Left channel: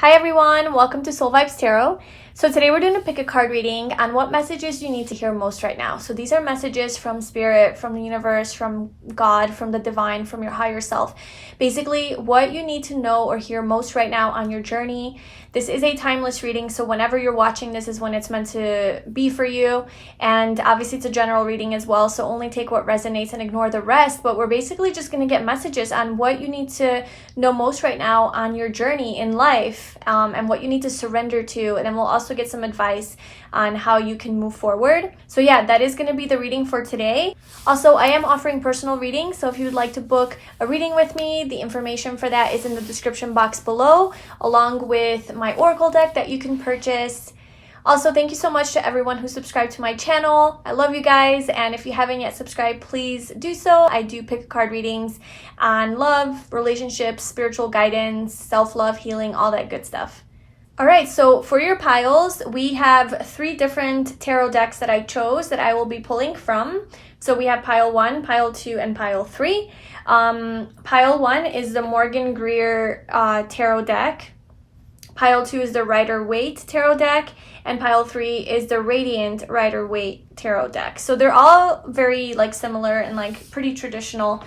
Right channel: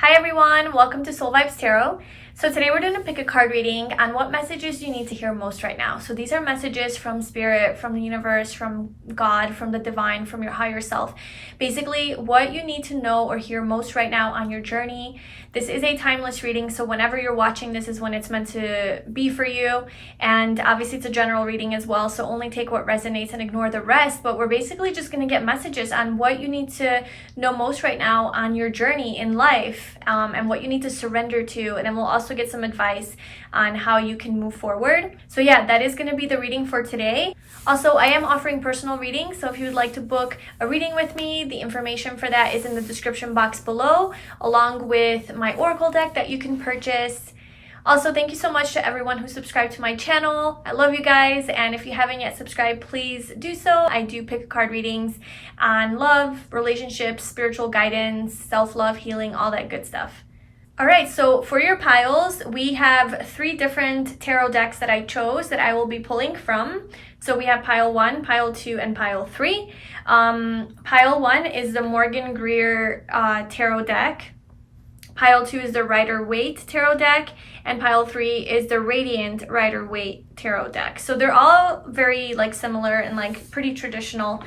Hi everyone, welcome to 𝗨𝗦𝗑𝗧𝗨𝗪𝗏 Tarot. So today we're doing a pick a card reading on what messages you need to hear most right now. So these are messages from spirit, from the universe, from God, from the divine, from your higher self. Basically what you need to know or hear most right now on your journey. This is a timeless reading, so whenever you're watching this is when it's meant to be for you. And obviously it's a general reading as well, so only take what resonates and ignore the rest. But we're basically just going to get messages on what you need to know most right now on your journey in life, and what you need to surrender to. And then we'll also get some advice on how you can move forward. So yeah, that is going to be the reading for today. Also, I am offering personal readings, so if you would like to book a reading with me, the information for that is in the description box below, along with my oracle deck that you can purchase. Also, thank you so much to everyone who subscribed to my channel. I love you guys, and if you haven't yet subscribed, please do so. I do pick a card readings on love, relationships, spiritual guidance, self-love, healing, all that good stuff. All right, so for your piles, we have 3 different tarot decks that I chose that I will be pulling from. So we have pile 1, pile 2, and pile 3. Pile 1 is the Morgan-Greer tarot deck. Pile 2 is the Rider-Waite tarot deck. And pile 3 is the Radiant Rider-Waite tarot deck. So they're all very similar and pretty traditional.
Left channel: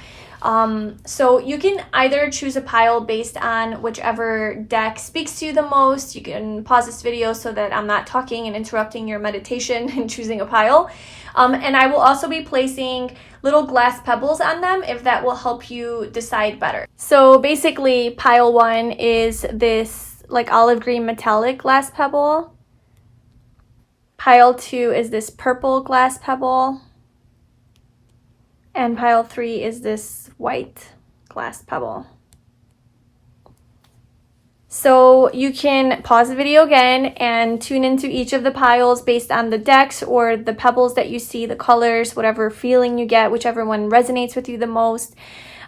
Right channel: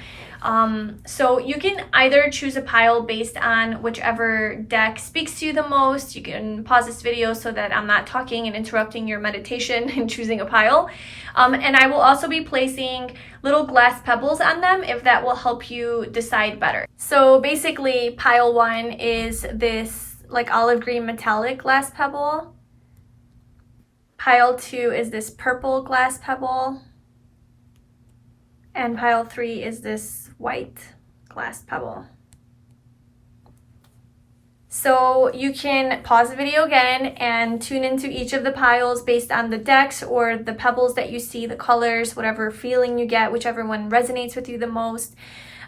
So you can either choose a pile based on whichever deck speaks to you the most. You can pause this video so that I'm not talking and interrupting your meditation and choosing a pile. And I will also be placing little glass pebbles on them if that will help you decide better. So basically pile 1 is this olive green metallic glass pebble. Pile 2 is this purple glass pebble. And pile 3 is this white glass pebble. So you can pause the video again and tune into each of the piles based on the decks or the pebbles that you see, the colors, whatever feeling you get, whichever one resonates with you the most.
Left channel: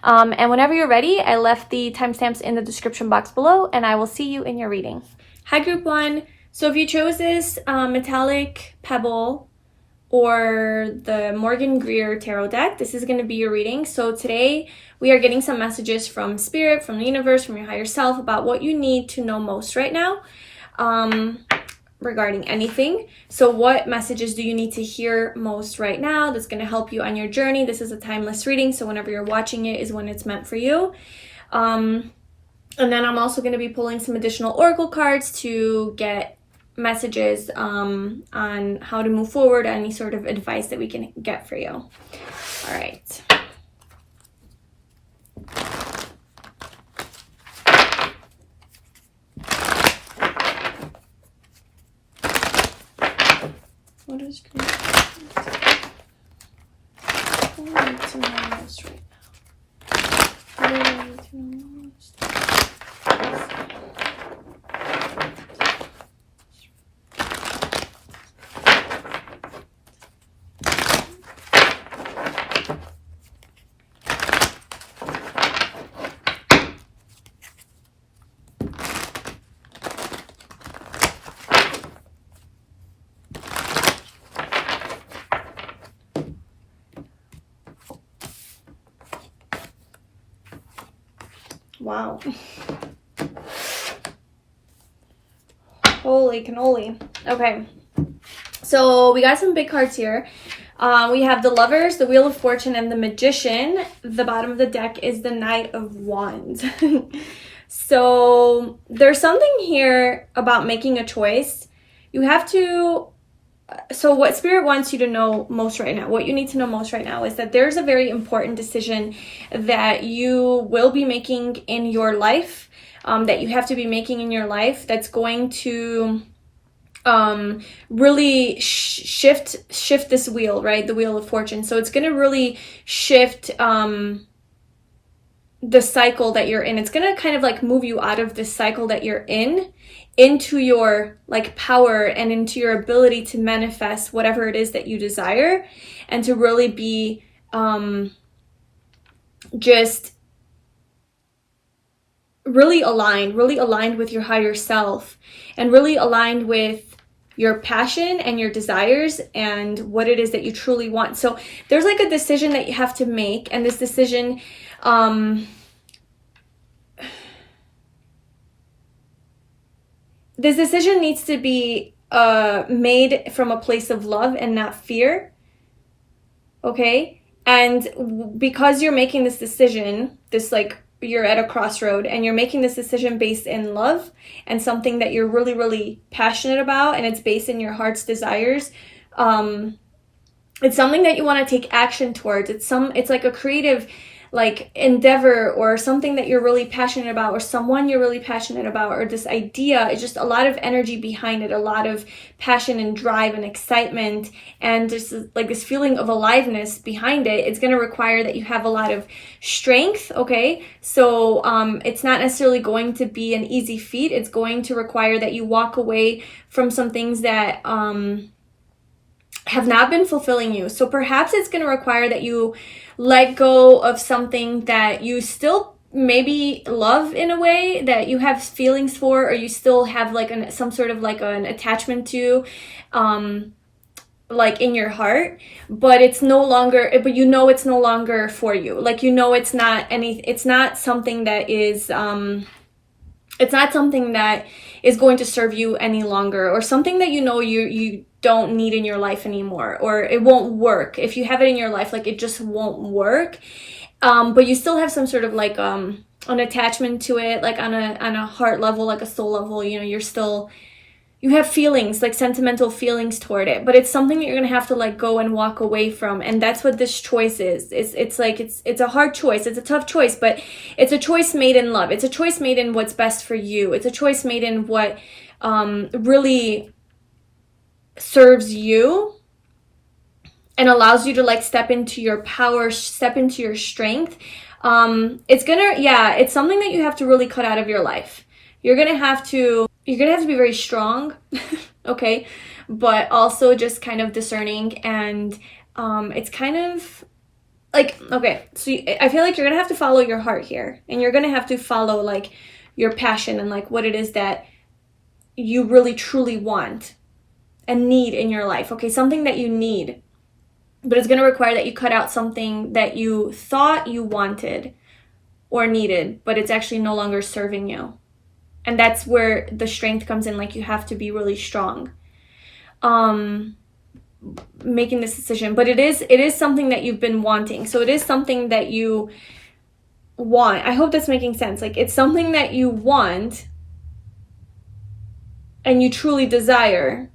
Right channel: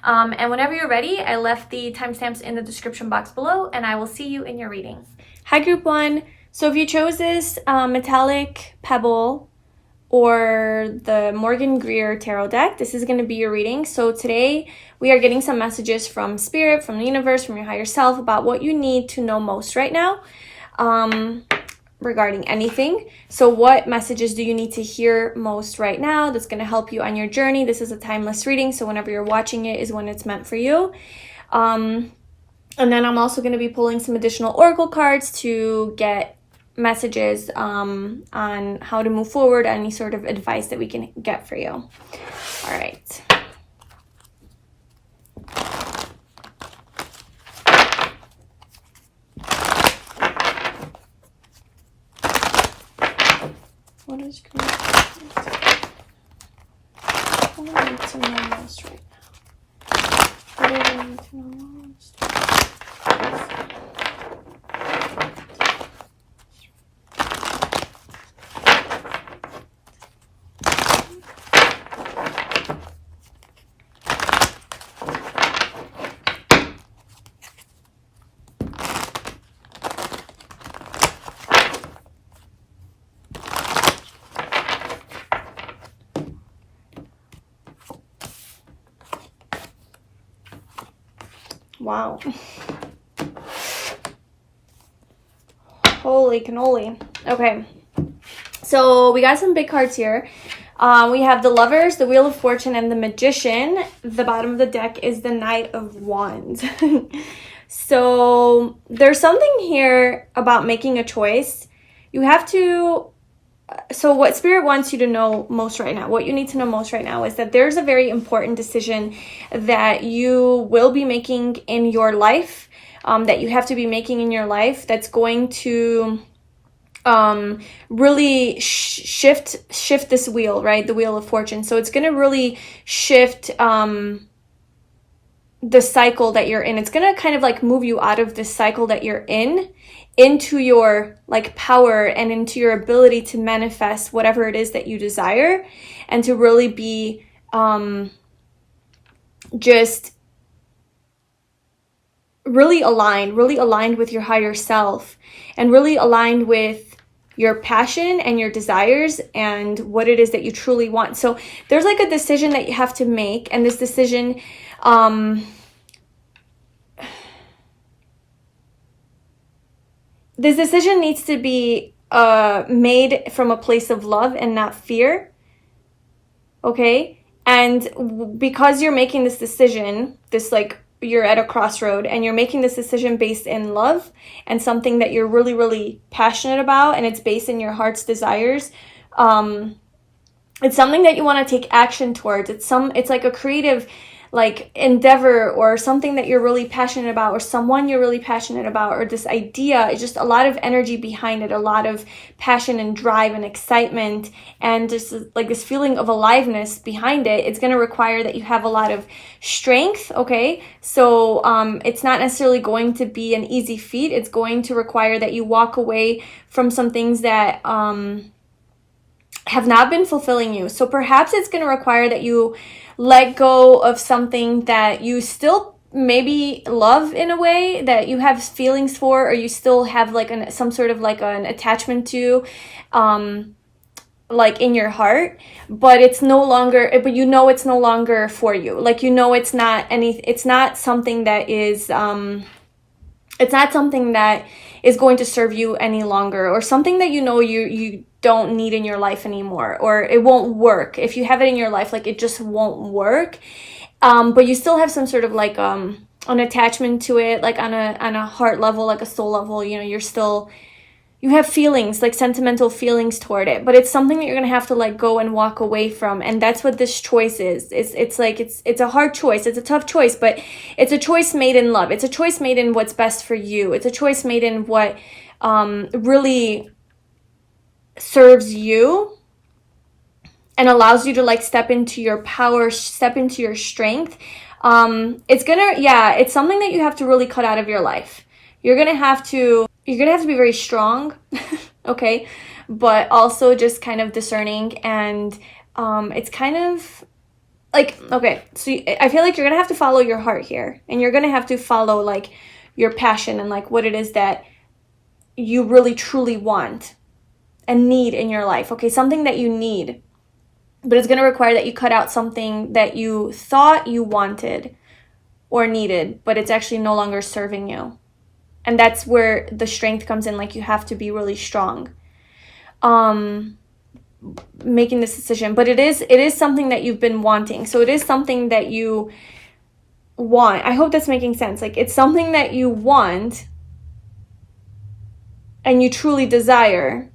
And whenever you're ready, I left the timestamps in the description box below, and I will see you in your reading. Hi group 1. So if you chose this metallic pebble or the Morgan-Greer tarot deck, this is going to be your reading. So today we are getting some messages from spirit, from the universe, from your higher self about what you need to know most right now regarding anything. So what messages do you need to hear most right now that's going to help you on your journey? This is a timeless reading, so whenever you're watching it is when it's meant for you. And then I'm also going to be pulling some additional oracle cards to get messages on how to move forward, any sort of advice that we can get for you. All right. What is great? What do I need to know most right now? What do I need to know most? Wow. Holy cannoli. Okay. So we got some big cards here. We have the Lovers, the Wheel of Fortune, and the Magician. The bottom of the deck is the Knight of Wands. So there's something here about making a choice. You have to... So what Spirit wants you to know most right now, what you need to know most right now is that there's a very important decision that you will be making in your life, that you have to be making in your life that's going to really shift this wheel, right? The Wheel of Fortune. So it's going to really shift the cycle that you're in. It's going to kind of move you out of the cycle that you're in into your power and into your ability to manifest whatever it is that you desire, and to really be just really aligned with your higher self, and really aligned with your passion and your desires and what it is that you truly want. So there's a decision that you have to make, and this decision this decision needs to be made from a place of love and not fear. Okay? And because you're making this decision, you're at a crossroad and you're making this decision based in love and something that you're really, really passionate about, and it's based in your heart's desires. It's something that you want to take action towards. It's like a creative endeavor, or something that you're really passionate about, or someone you're really passionate about, or this idea. It's just a lot of energy behind it, a lot of passion and drive and excitement, and just this feeling of aliveness behind it. It's going to require that you have a lot of strength. Okay, so it's not necessarily going to be an easy feat. It's going to require that you walk away from some things that have not been fulfilling you. So perhaps it's going to require that you let go of something that you still maybe love in a way, that you have feelings for, or you still have some sort of an attachment to, in your heart, but it's no longer, but it's no longer for you. It's not something that is, it's not something that is going to serve you any longer, or something that you don't need in your life anymore, or it won't work. If you have it in your life, it just won't work. But you still have some sort of an attachment to it, on a heart level, a soul level. You have feelings, sentimental feelings toward it, but it's something that you're gonna have to let go and walk away from. And that's what this choice is. It's a hard choice. It's a tough choice, but it's a choice made in love. It's a choice made in what's best for you. It's a choice made in what really serves you and allows you to step into your power, step into your strength. It's something that you have to really cut out of your life. You're gonna have to be very strong, okay, but also just kind of discerning. And it's kind of okay, so I feel like you're gonna have to follow your heart here, and you're gonna have to follow your passion and what it is that you really truly want and need in your life. Okay, something that you need, but it's going to require that you cut out something that you thought you wanted or needed, but it's actually no longer serving you. And that's where the strength comes in. You have to be really strong making this decision. But it is something that you've been wanting. So it is something that you want. I hope that's making sense. It's something that you want and you truly desire,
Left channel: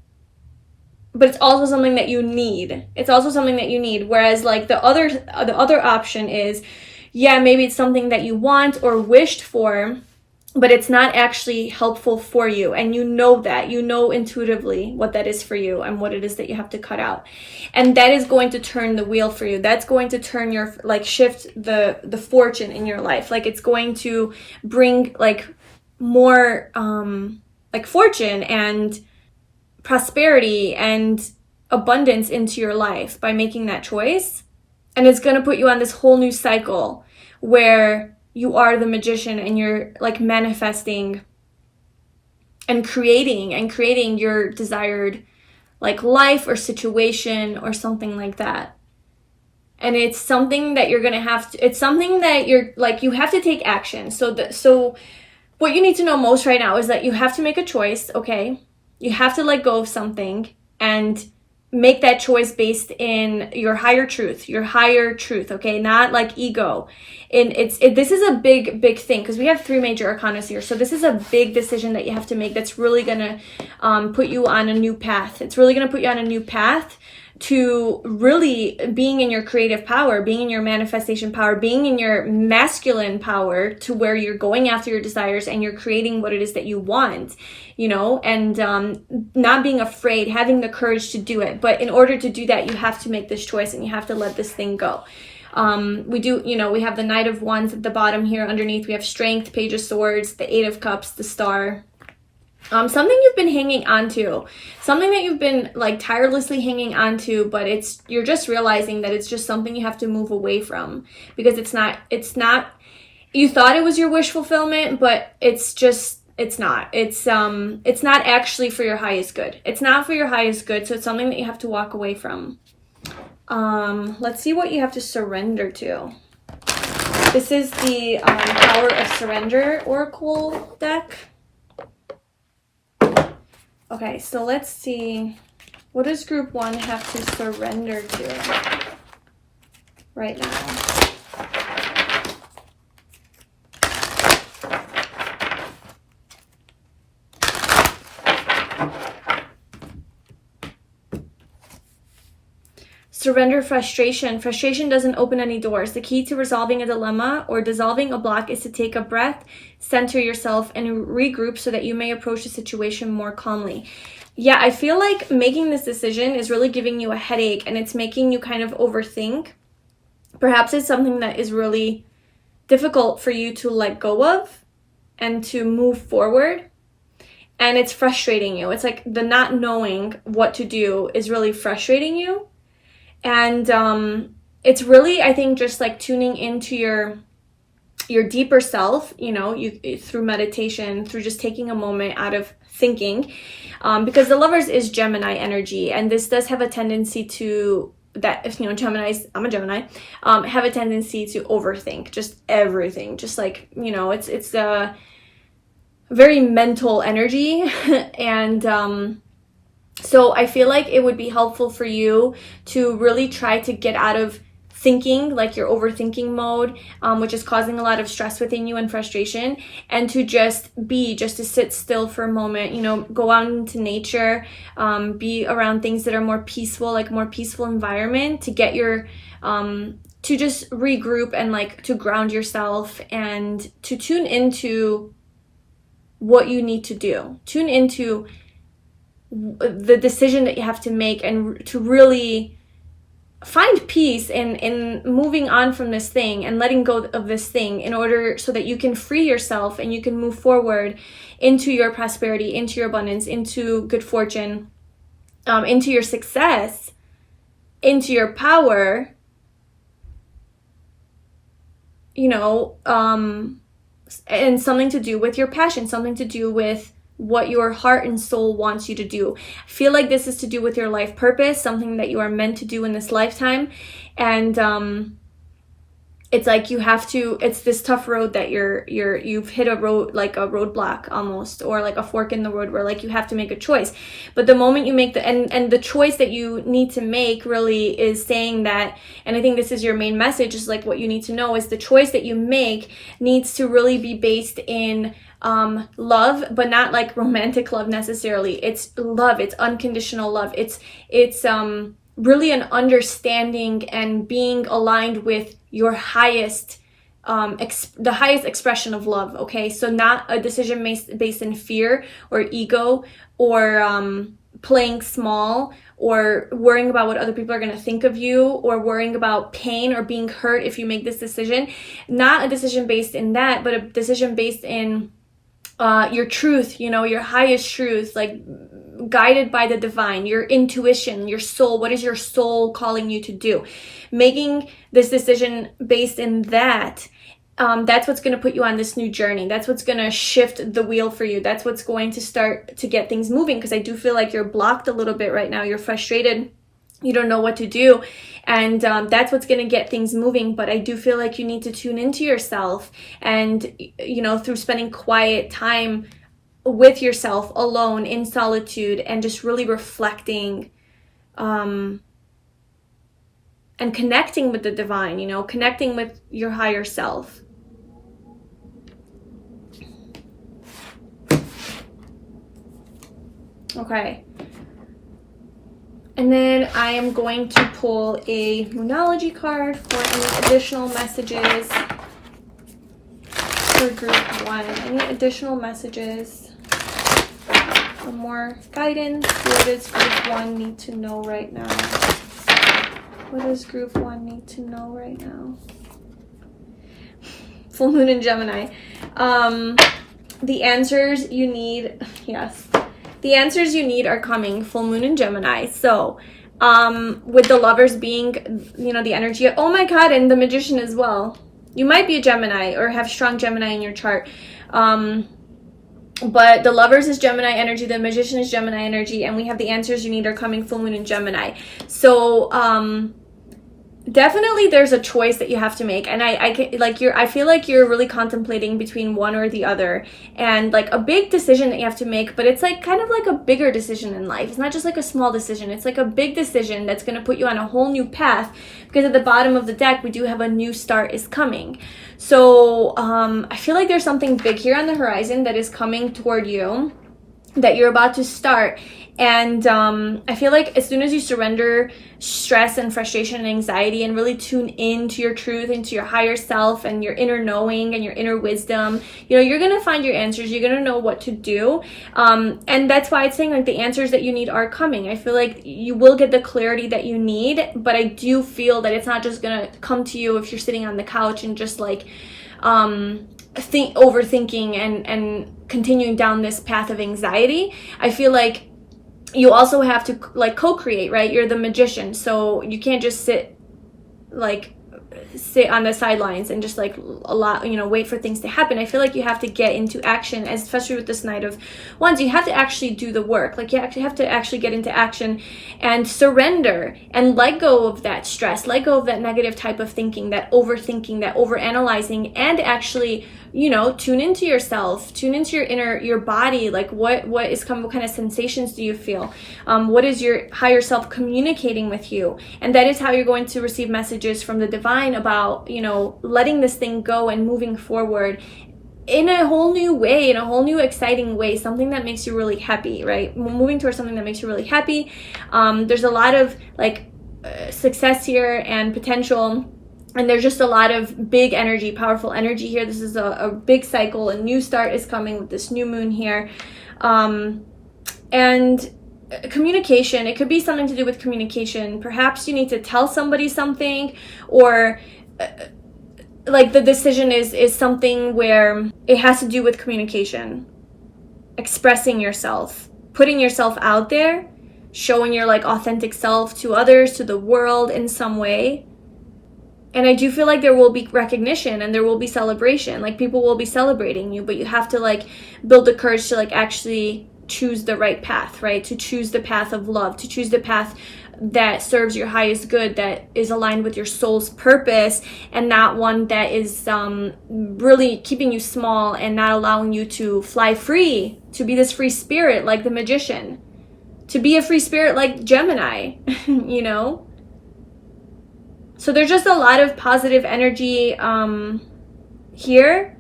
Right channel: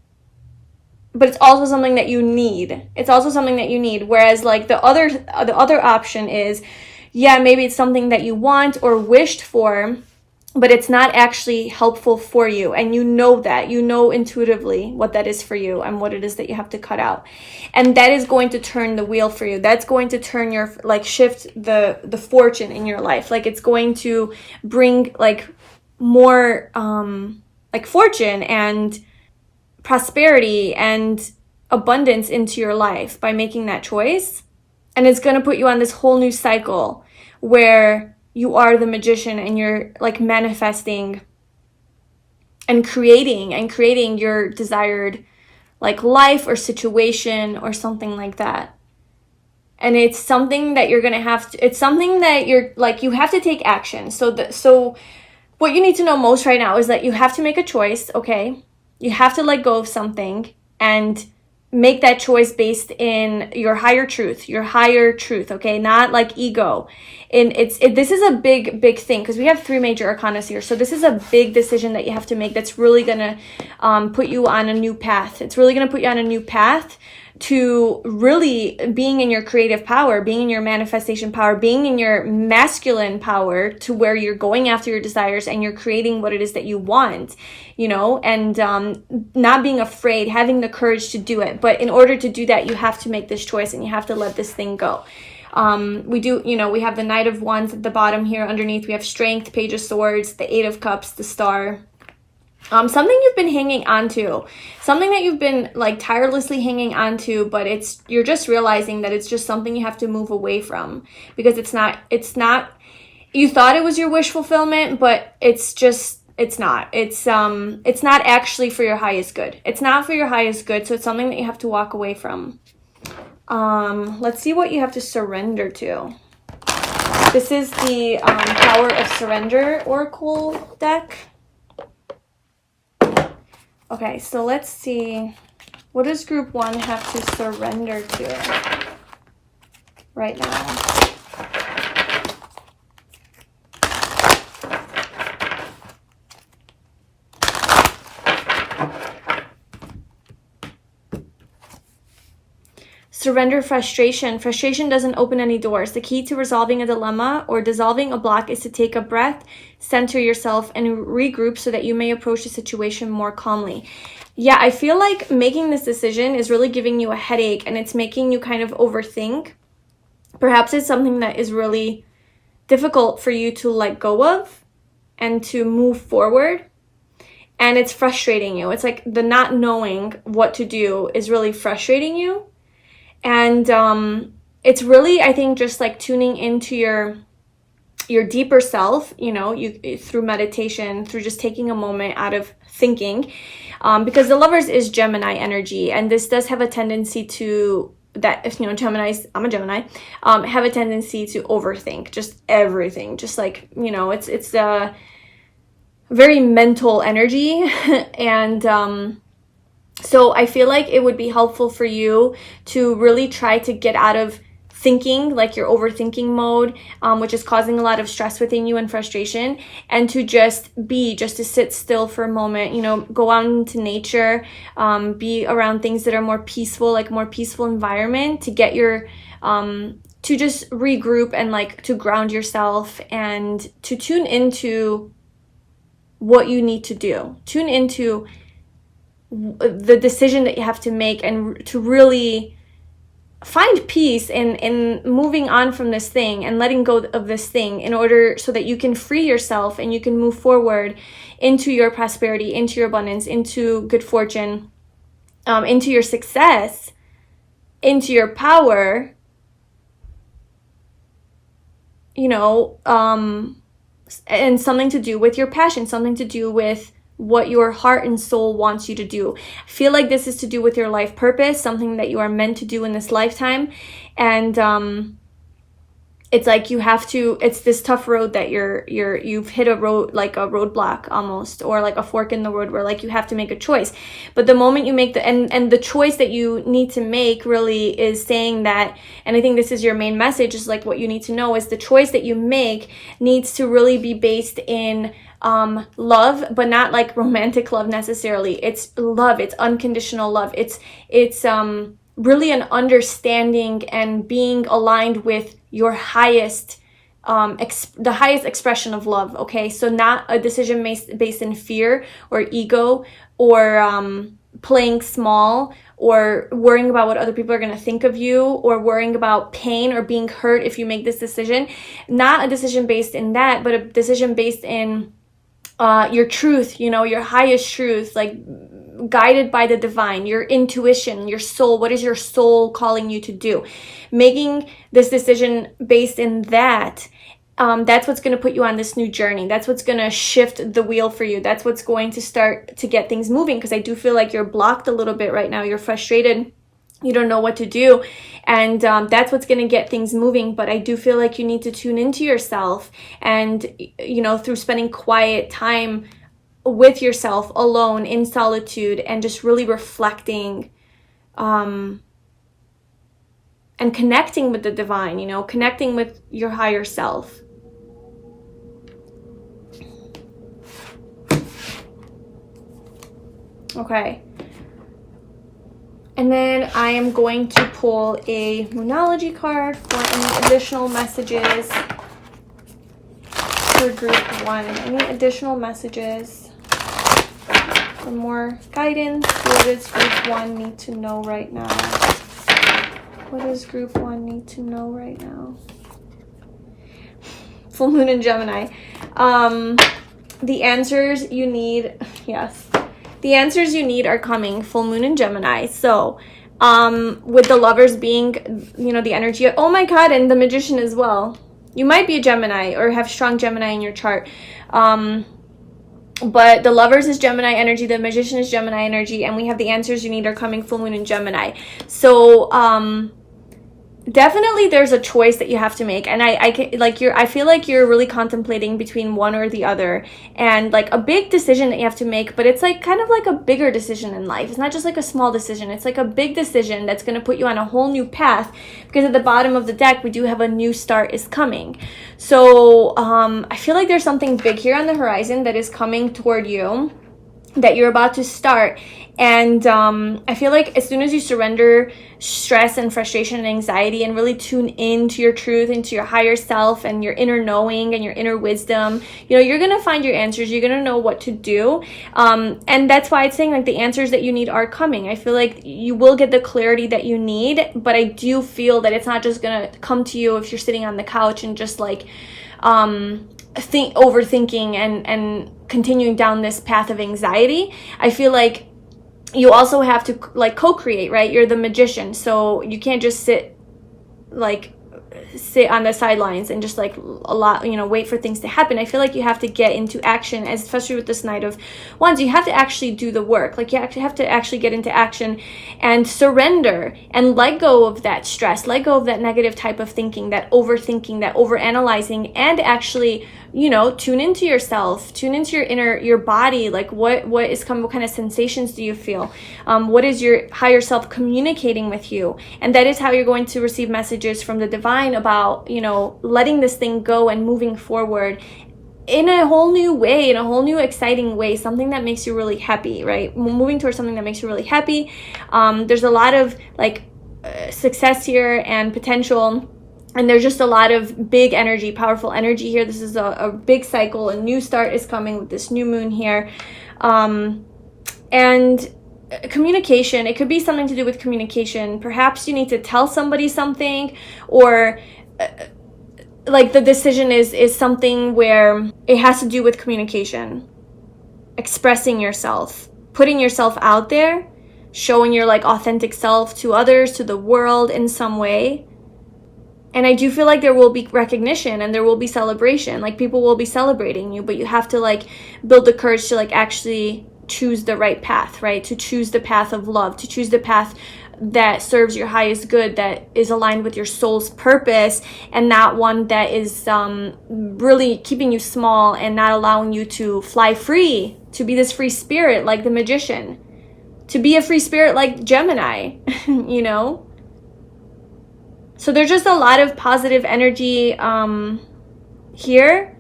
but it's also something that you need. It's also something that you need. Whereas the other option is, maybe it's something that you want or wished for, but it's not actually helpful for you. And that. You know intuitively what that is for you and what it is that you have to cut out. And that is going to turn the wheel for you. That's going to turn your, shift the fortune in your life. It's going to bring more fortune and prosperity and abundance into your life by making that choice. And it's going to put you on this whole new cycle where you are the magician and you're manifesting and creating your desired life or situation or something like that. And it's something that you're going to have to, it's something that you're you have to take action. So what you need to know most right now is that you have to make a choice, okay? You have to let go of something and make that choice based in your higher truth, okay? Not ego. And this is a big thing, because we have 3 major arcana here. So this is a big decision that you have to make that's really going to put you on a new path. It's really going to put you on a new path to really being in your creative power, being in your manifestation power, being in your masculine power, to where you're going after your desires and you're creating what it is that you want, and not being afraid, having the courage to do it. But in order to do that, you have to make this choice and you have to let this thing go. We have the Knight of Wands at the bottom here. Underneath we have Strength, Page of Swords, the 8 of Cups, the Star. Something you've been hanging on to, something that you've been tirelessly hanging on to, but you're just realizing that it's just something you have to move away from, because it's not, you thought it was your wish fulfillment, but it's not actually for your highest good. It's not for your highest good. So it's something that you have to walk away from. Let's see what you have to surrender to. This is the Power of Surrender Oracle deck. Okay, so let's see. What does group 1 have to surrender to right now? Surrender frustration. Frustration doesn't open any doors. The key to resolving a dilemma or dissolving a block is to take a breath, center yourself, and regroup so that you may approach the situation more calmly. Yeah, I feel like making this decision is really giving you a headache, and it's making you kind of overthink. Perhaps it's something that is really difficult for you to let go of and to move forward. And it's frustrating you. It's like the not knowing what to do is really frustrating you. And it's really, I think, just like tuning into your deeper self, you know, through meditation, through just taking a moment out of thinking, because the Lovers is Gemini energy, and this does have a tendency to, that if you know Geminis, I'm a Gemini, have a tendency to overthink just everything, just like, you know, it's a very mental energy. And so I feel like it would be helpful for you to really try to get out of thinking, like your overthinking mode, which is causing a lot of stress within you and frustration, and to just to sit still for a moment, you know, go out into nature, be around things that are more peaceful, like more peaceful environment, to get your, to just regroup and like to ground yourself and to tune into what you need to do. Tune into the decision that you have to make, and to really find peace in moving on from this thing and letting go of this thing, in order so that you can free yourself and you can move forward into your prosperity, into your abundance, into good fortune, into your success, into your power, you know, and something to do with your passion, something to do with what your heart and soul wants you to do. I feel like this is to do with your life purpose, something that you are meant to do in this lifetime. And it's like you have to, it's this tough road that you've hit a road, like a roadblock almost, or like a fork in the road where like you have to make a choice. But the moment you make and the choice that you need to make really is saying that, and I think this is your main message, is like what you need to know is the choice that you make needs to really be based in love, but not like romantic love necessarily. It's love, it's unconditional love. It's really an understanding and being aligned with your highest, the highest expression of love. Okay, so not a decision based in fear or ego, or playing small, or worrying about what other people are going to think of you, or worrying about pain or being hurt if you make this decision. Not a decision based in that, but a decision based in your truth, you know, your highest truth, like guided by the divine, your intuition, your soul. What is your soul calling you to do? Making this decision based in that, that's what's going to put you on this new journey. That's what's going to shift the wheel for you. That's what's going to start to get things moving, because I do feel like you're blocked a little bit right now. You're frustrated. You don't know what to do. And that's what's going to get things moving. But I do feel like you need to tune into yourself, and, you know, through spending quiet time with yourself alone in solitude, and just really reflecting and connecting with the divine, you know, connecting with your higher self. Okay. And then I am going to pull a Moonology card for any additional messages for group 1. Any additional messages? More guidance. What does group 1 need to know right now? What does group 1 need to know right now? Full moon in Gemini. The answers you need, yes. The answers you need are coming. Full moon in Gemini. So, with the Lovers being, you know, the energy, oh my God, and the Magician as well. You might be a Gemini or have strong Gemini in your chart. But the Lovers is Gemini energy, the Magician is Gemini energy, and we have the answers you need are coming. Full moon in Gemini. So, definitely there's a choice that you have to make, and I feel like you're really contemplating between one or the other, and like a big decision that you have to make, but it's like kind of like a bigger decision in life. It's not just like a small decision, it's like a big decision that's going to put you on a whole new path, because at the bottom of the deck we do have a new start is coming. So I feel like there's something big here on the horizon that is coming toward you, that you're about to start. And I feel like as soon as you surrender stress and frustration and anxiety and really tune into your truth, into your higher self and your inner knowing and your inner wisdom, you know, you're going to find your answers. You're going to know what to do. And that's why it's saying like the answers that you need are coming. I feel like you will get the clarity that you need, but I do feel that it's not just going to come to you if you're sitting on the couch and just like overthinking and continuing down this path of anxiety. I feel like you also have to like co-create, right? You're the magician, so you can't just sit on the sidelines and just like wait for things to happen. I feel like you have to get into action, especially with this Knight of Wands. You have to actually do the work. Like you actually have to actually get into action and surrender and let go of that stress, let go of that negative type of thinking, that overthinking, that overanalyzing, and actually, you know, tune into yourself, tune into your body. Like what is coming, what kind of sensations do you feel? What is your higher self communicating with you? And that is how you're going to receive messages from the divine about, you know, letting this thing go and moving forward in a whole new way, in a whole new exciting way, something that makes you really happy, right? Moving towards something that makes you really happy. There's a lot of like success here and potential. And there's just a lot of big energy, powerful energy here. This is a big cycle. A new start is coming with this new moon here. And communication, it could be something to do with communication. Perhaps you need to tell somebody something, or like the decision is something where it has to do with communication. Expressing yourself, putting yourself out there, showing your like authentic self to others, to the world in some way. And I do feel like there will be recognition and there will be celebration. Like people will be celebrating you, but you have to like build the courage to like actually choose the right path, right? To choose the path of love, to choose the path that serves your highest good, that is aligned with your soul's purpose, and not one that is really keeping you small and not allowing you to fly free, to be this free spirit like the magician, to be a free spirit like Gemini, you know? So there's just a lot of positive energy here.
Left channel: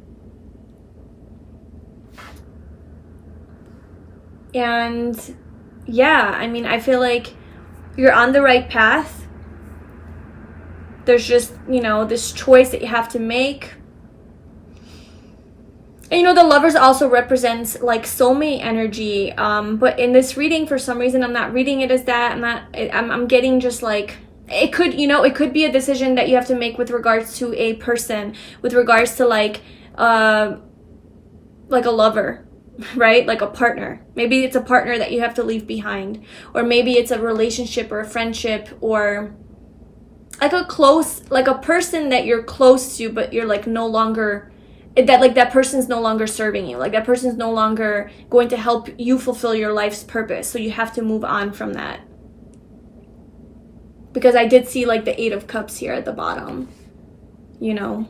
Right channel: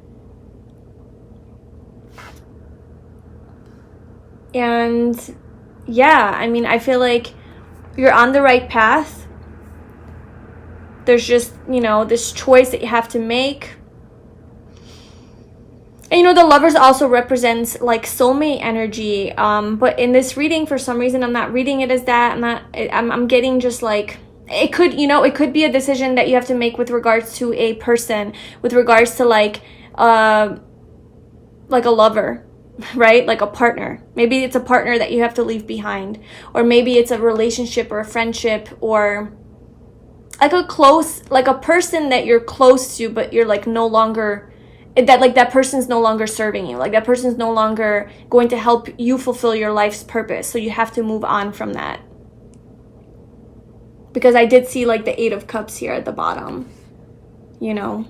And yeah, I mean, I feel like you're on the right path. There's just, you know, this choice that you have to make. And, you know, the Lovers also represents like soulmate energy. But in this reading, for some reason, I'm not reading it as that. I'm getting just like, it could, you know, it could be a decision that you have to make with regards to a person, with regards to like a lover, right? Like a partner. Maybe it's a partner that you have to leave behind, or maybe it's a relationship or a friendship, or like a person that you're close to, but you're like no longer, that person's no longer serving you. Like that person's no longer going to help you fulfill your life's purpose. So you have to move on from that. Because I did see like the 8 of Cups here at the bottom, you know.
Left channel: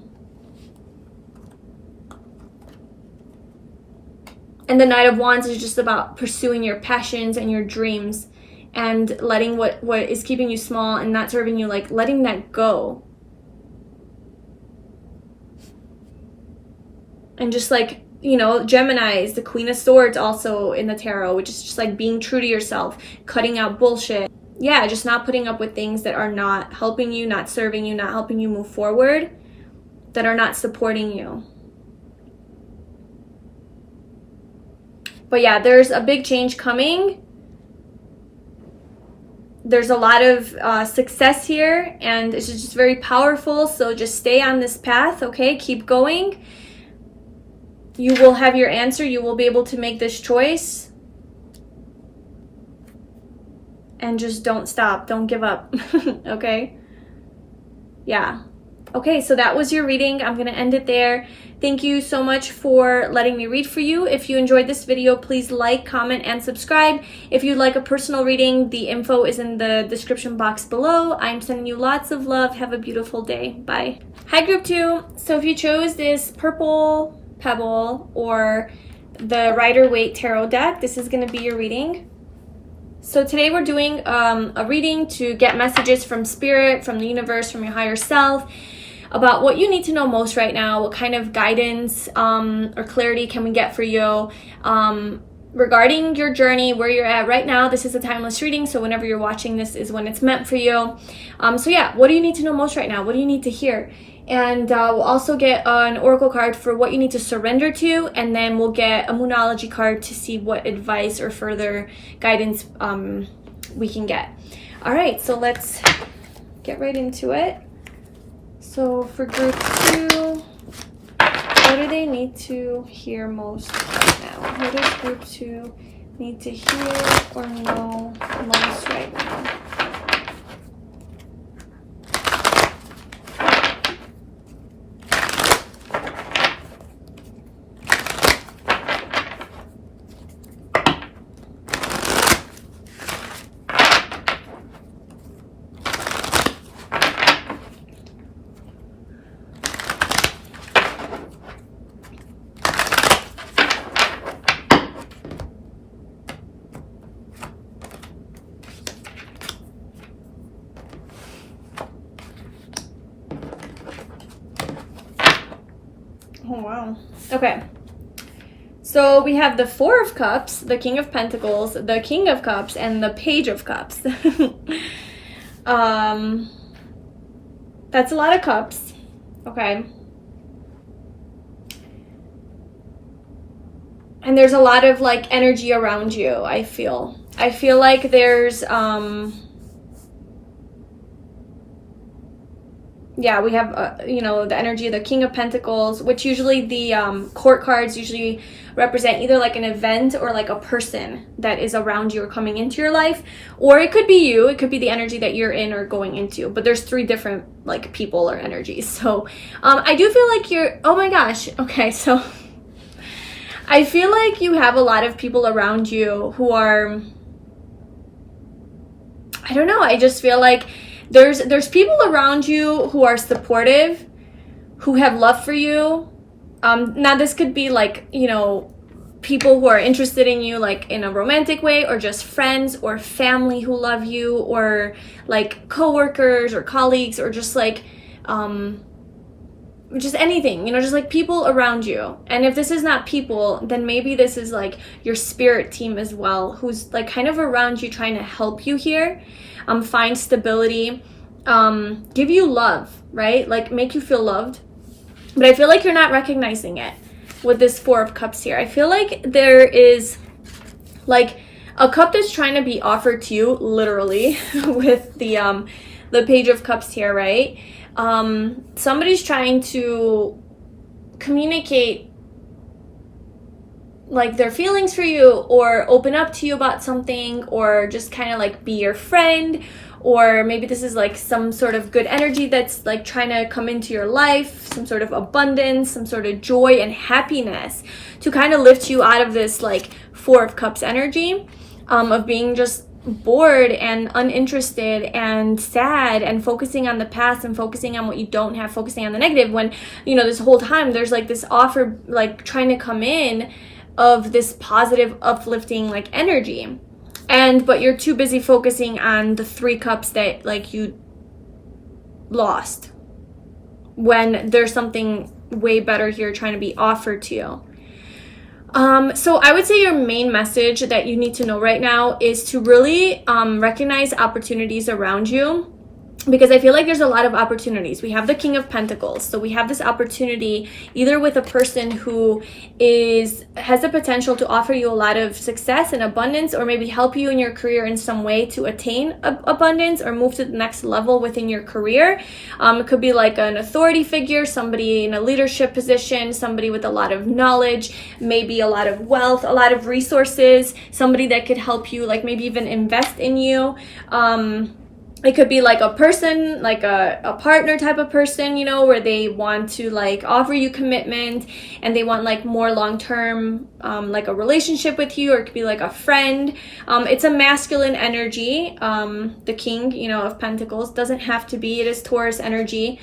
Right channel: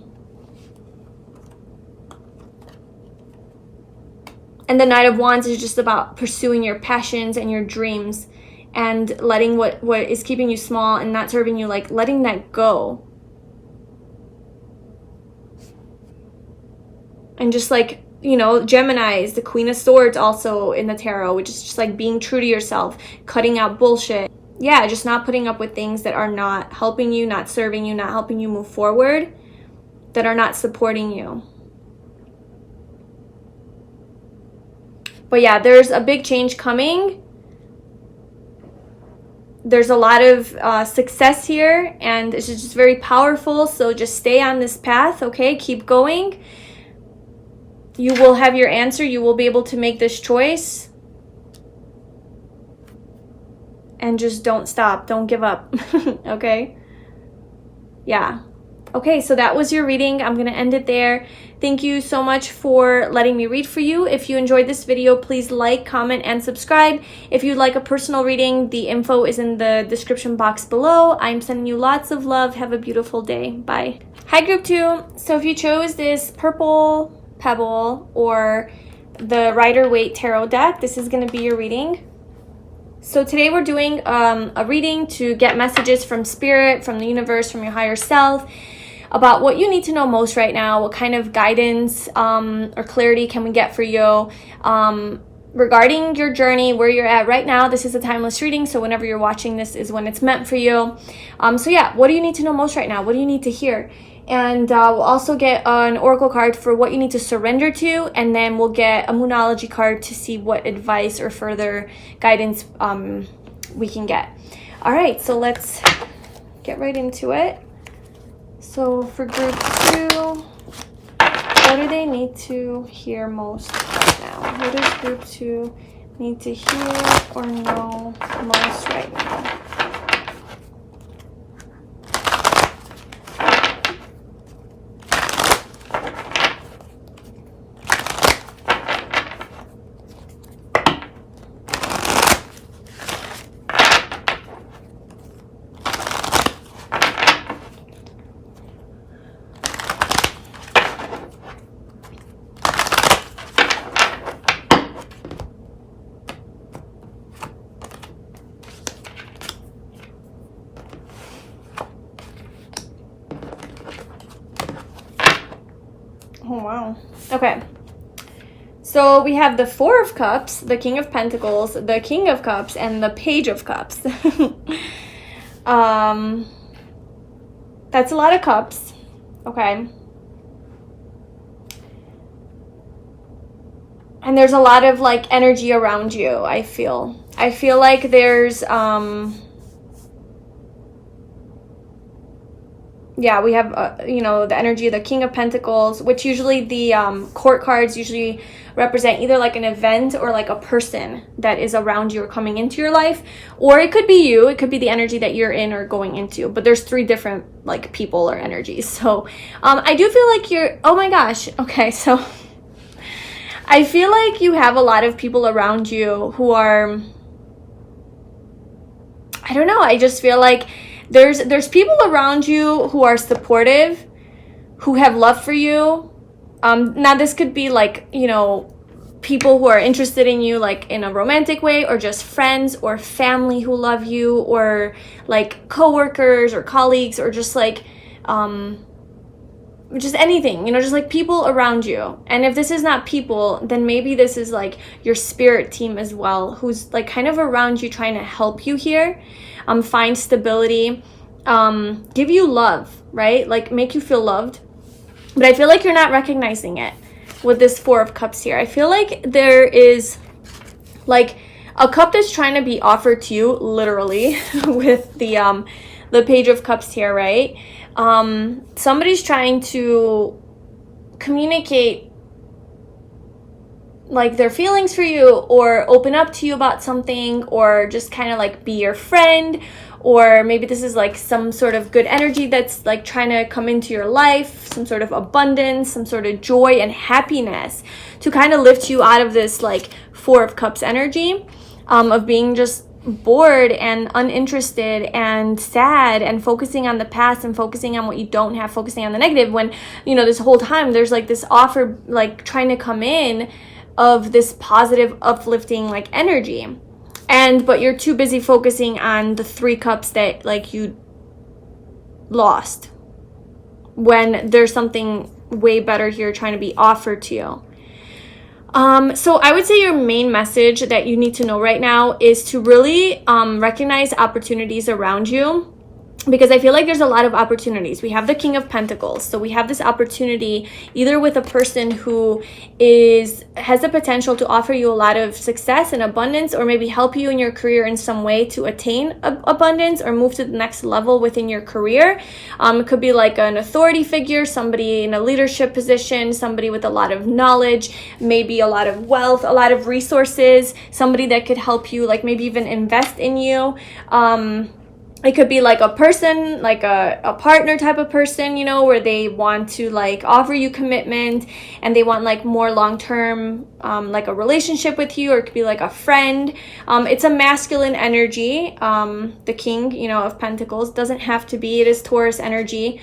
And the Knight of Wands is just about pursuing your passions and your dreams, and letting what is keeping you small and not serving you, like letting that go. And just like, you know, Gemini is the Queen of Swords also in the tarot, which is just like being true to yourself, cutting out bullshit. Yeah, just not putting up with things that are not helping you, not serving you, not helping you move forward, that are not supporting you. But yeah, there's a big change coming. There's a lot of success here, and it's just very powerful. So just stay on this path, okay? Keep going. You will have your answer. You will be able to make this choice. And just don't stop. Don't give up. Okay? Yeah. Okay, so that was your reading. I'm going to end it there. Thank you so much for letting me read for you. If you enjoyed this video, please like, comment, and subscribe. If you'd like a personal reading, the info is in the description box below. I'm sending you lots of love. Have a beautiful day. Bye. Hi, Group 2. So if you chose this purple pebble or the Rider-Waite tarot deck, this is going to be your reading. So today we're doing a reading to get messages from spirit, from the universe, from your higher self, about what you need to know most right now, what kind of guidance or clarity can we get for you regarding your journey, where you're at right now. This is a timeless reading, so whenever you're watching this is when it's meant for you. So yeah, what do you need to know most right now? What do you need to hear? And we'll also get an oracle card for what you need to surrender to, and then we'll get a moonology card to see what advice or further guidance we can get. All right, so let's get right into it. So for group 2, what do they need to hear most right now? What does group 2 need to hear or know most right now? Oh, wow. Okay. So we have the Four of Cups, the King of Pentacles, the King of Cups, and the Page of Cups. That's a lot of cups. Okay. And there's a lot of like energy around you, I feel. I feel like there's yeah, we have, you know, the energy of the King of Pentacles, which usually the court cards usually represent either like an event or like a person that is around you or coming into your life. Or it could be you. It could be the energy that you're in or going into. But there's 3 different like people or energies. So I do feel like you're, oh my gosh. Okay, so I feel like you have a lot of people around you who are, I don't know, I just feel like there's people around you who are supportive, who have love for you. Now this could be like, you know, people who are interested in you like in a romantic way, or just friends or family who love you, or like coworkers or colleagues, or just like just anything, you know, just like people around you. And if this is not people, then maybe this is like your spirit team as well, who's like kind of around you trying to help you here. Find stability, give you love, right? Like make you feel loved. But I feel like you're not recognizing it with this Four of Cups here. I feel like there is like a cup that's trying to be offered to you, literally, with the Page of Cups here, right? Somebody's trying to communicate like their feelings for you, or open up to you about something, or just kind of like be your friend. Or maybe this is like some sort of good energy that's like trying to come into your life, some sort of abundance, some sort of joy and happiness to kind of lift you out of this like Four of Cups energy of being just bored and uninterested and sad and focusing on the past and focusing on what you don't have, focusing on the negative, when, you know, this whole time there's like this offer like trying to come in of this positive, uplifting like energy. But you're too busy focusing on the 3 cups that like you lost, when there's something way better here trying to be offered to you. So I would say your main message that you need to know right now is to really recognize opportunities around you, because I feel like there's a lot of opportunities. We have the King of Pentacles, so we have this opportunity either with a person who has the potential to offer you a lot of success and abundance, or maybe help you in your career in some way to attain abundance or move to the next level within your career. It could be like an authority figure, somebody in a leadership position, somebody with a lot of knowledge, maybe a lot of wealth, a lot of resources, somebody that could help you, like maybe even invest in you. It could be like a person, like a partner type of person, you know, where they want to like offer you commitment and they want like more long-term, like a relationship with you, or it could be like a friend. It's a masculine energy. The king, you know, of pentacles doesn't have to be, it is Taurus energy.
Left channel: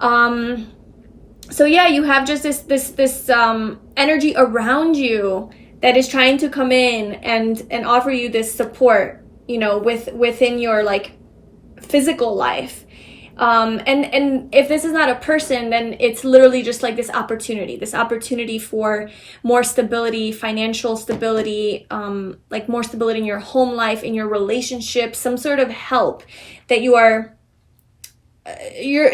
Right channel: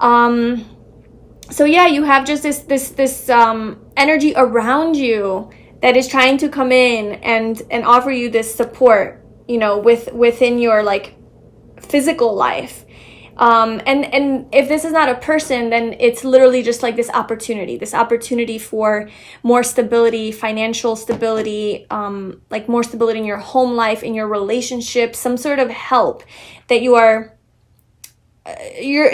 So yeah, you have just this energy around you that is trying to come in and offer you this support, you know, within your like physical life. And if this is not a person, then it's literally just like this opportunity for more stability, financial stability, like more stability in your home life, in your relationship, some sort of help that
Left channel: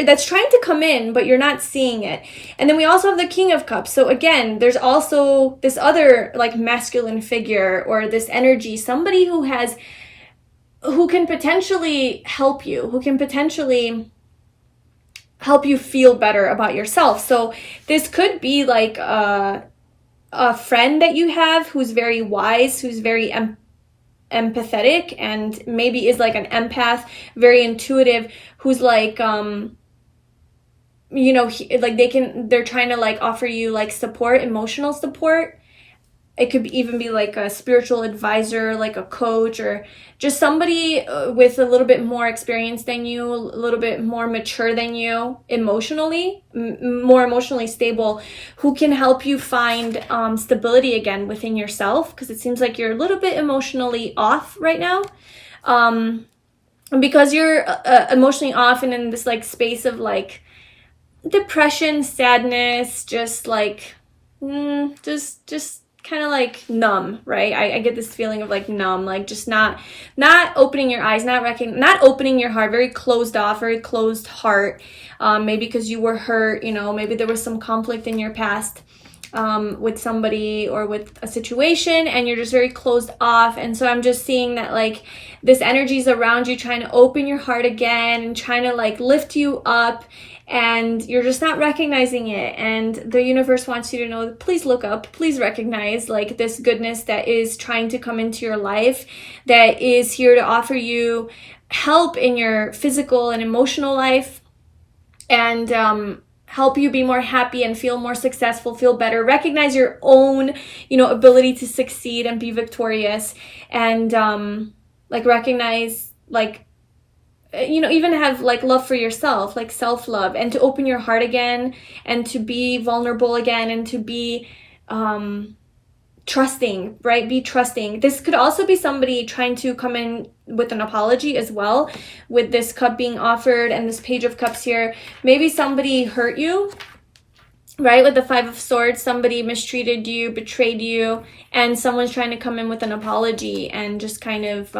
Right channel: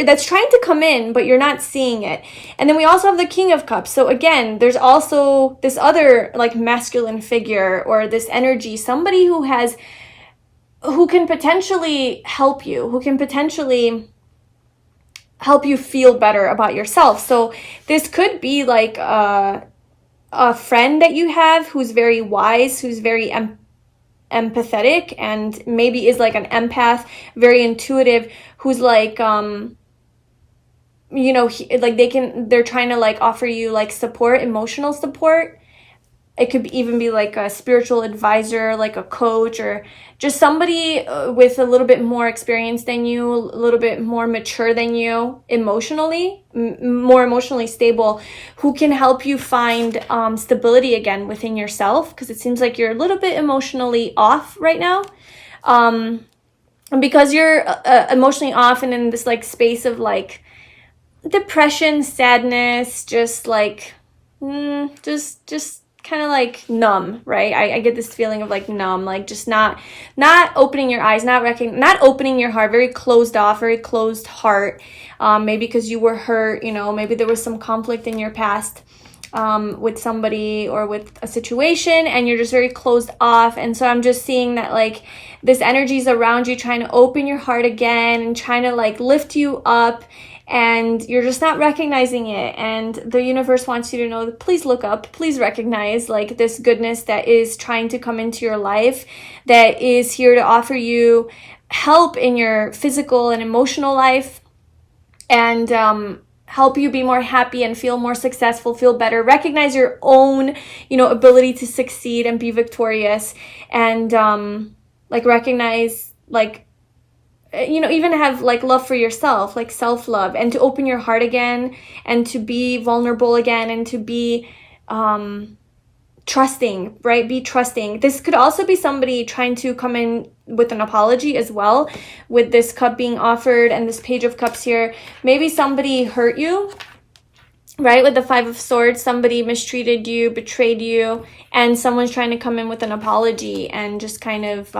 that's trying to come in, but you're not seeing it. And then we also have the King of Cups. So again, there's also this other like masculine figure, or this energy, somebody who can potentially help you, who can potentially help you feel better about yourself. So this could be like a friend that you have who's very wise, who's very empathetic, and maybe is like an empath, very intuitive, who's like, you know, like they're trying to like offer you like support, emotional support. It could even be like a spiritual advisor, like a coach, or just somebody with a little bit more experience than you, a little bit more mature than you emotionally, more emotionally stable, who can help you find stability again within yourself, because it seems like you're a little bit emotionally off right now. And because you're emotionally off and in this like space of like depression, sadness, just like, just kind of like numb, right? I get this feeling of like numb, like just not opening your eyes, not opening your heart, very closed off, very closed heart. Maybe because you were hurt, you know, maybe there was some conflict in your past with somebody or with a situation, and you're just very closed off. And so I'm just seeing that like this energy is around you, trying to open your heart again and trying to like lift you up, and you're just not recognizing it. And the universe wants you to know that please look up, please recognize like this goodness that is trying to come into your life, that is here to offer you help in your physical and emotional life, and help you be more happy and feel more successful, feel better, recognize your own, you know, ability to succeed and be victorious, and like recognize like, you know, even have like love for yourself, like self-love, and to open your heart again, and to be vulnerable again, and to be trusting, right? Be trusting. This could also be somebody trying to come in with an apology as well, with this cup being offered and this Page of Cups here. Maybe somebody hurt you, right? With the Five of Swords, somebody mistreated you, betrayed you, and someone's trying to come in with an apology and just kind of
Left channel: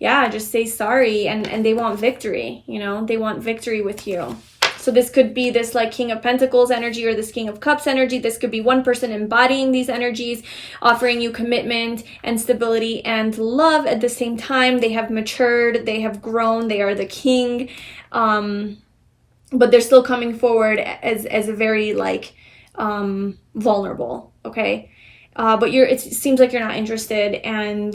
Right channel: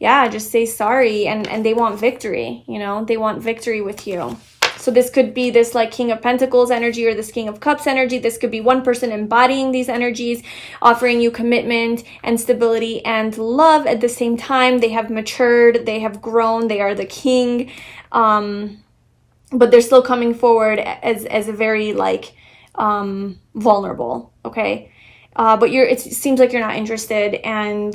just say sorry, and they want victory, you know, they want victory with you. So this could be this like King of Pentacles energy, or this King of Cups energy. This could be one person embodying these energies, offering you commitment and stability and love at the same time. They have matured, they have grown, they are the king, but they're still coming forward as a very like vulnerable, okay? But it seems like you're not interested, and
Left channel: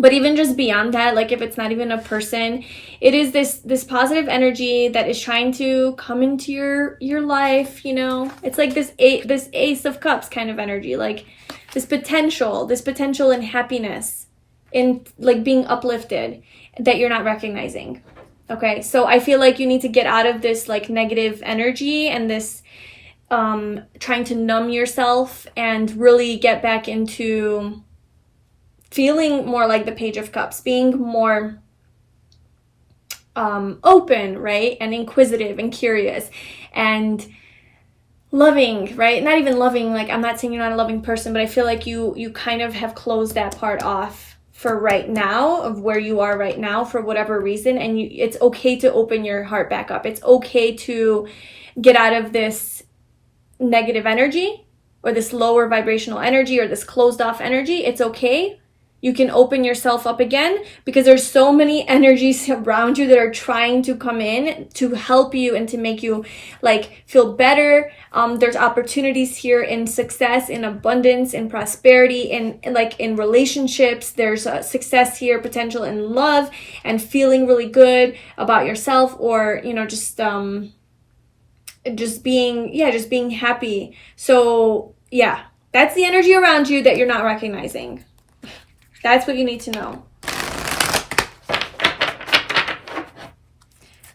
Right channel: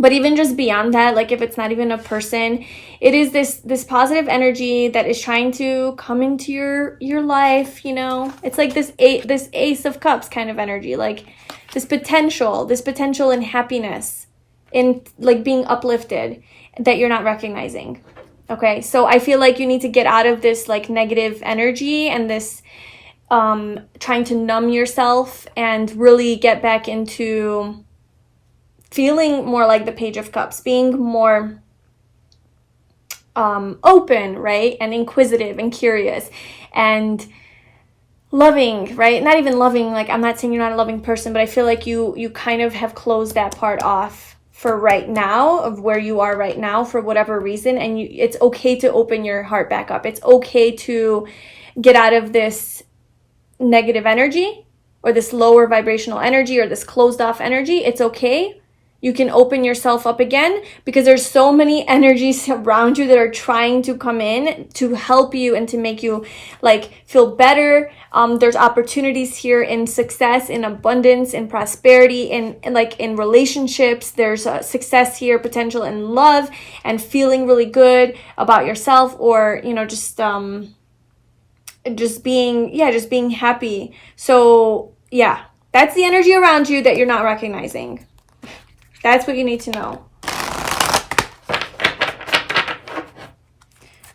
but even just beyond that, like if it's not even a person, it is this positive energy that is trying to come into your life, you know? It's like this Ace of Cups kind of energy, like this potential in happiness, in like being uplifted, that you're not recognizing. Okay, so I feel like you need to get out of this like negative energy and this trying to numb yourself, and really get back into feeling more like the Page of Cups, being more open, right? And inquisitive and curious and loving, right? Not even loving, like I'm not saying you're not a loving person, but I feel like you kind of have closed that part off for right now, of where you are right now, for whatever reason. And it's okay to open your heart back up. It's okay to get out of this negative energy, or this lower vibrational energy, or this closed off energy. It's okay. you can open yourself up again, because there's so many energies around you that are trying to come in to help you and to make you like feel better. There's opportunities here in success, in abundance, in prosperity, in relationships. There's success here, potential in love and feeling really good about yourself, or, you know, just being happy. So yeah, that's the energy around you that you're not recognizing. That's what you need to know.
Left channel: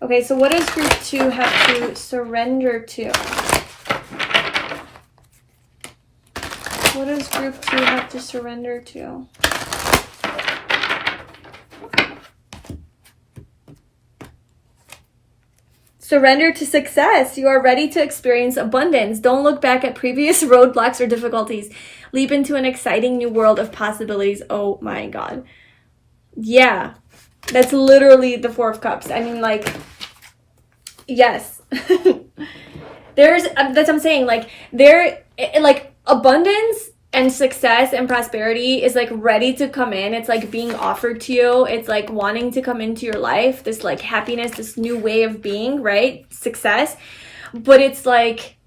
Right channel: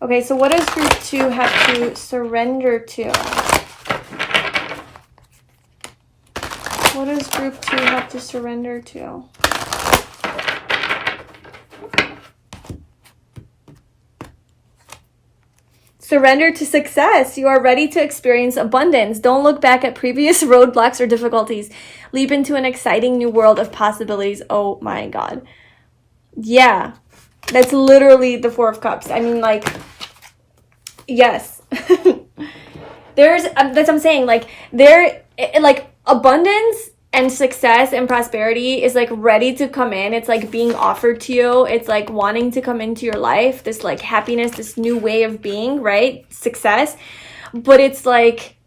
Okay, so what does group 2 have to surrender to? What does group 2 have to surrender to? Surrender to success. You are ready to experience abundance. Don't look back at previous roadblocks or difficulties. Leap into an exciting new world of possibilities. Oh my God. Yeah, that's literally the Four of Cups. I mean, like, yes. That's what I'm saying. Like, abundance and success and prosperity is like ready to come in. It's like being offered to you. It's like wanting to come into your life. This like happiness, this new way of being, right? Success. But it's like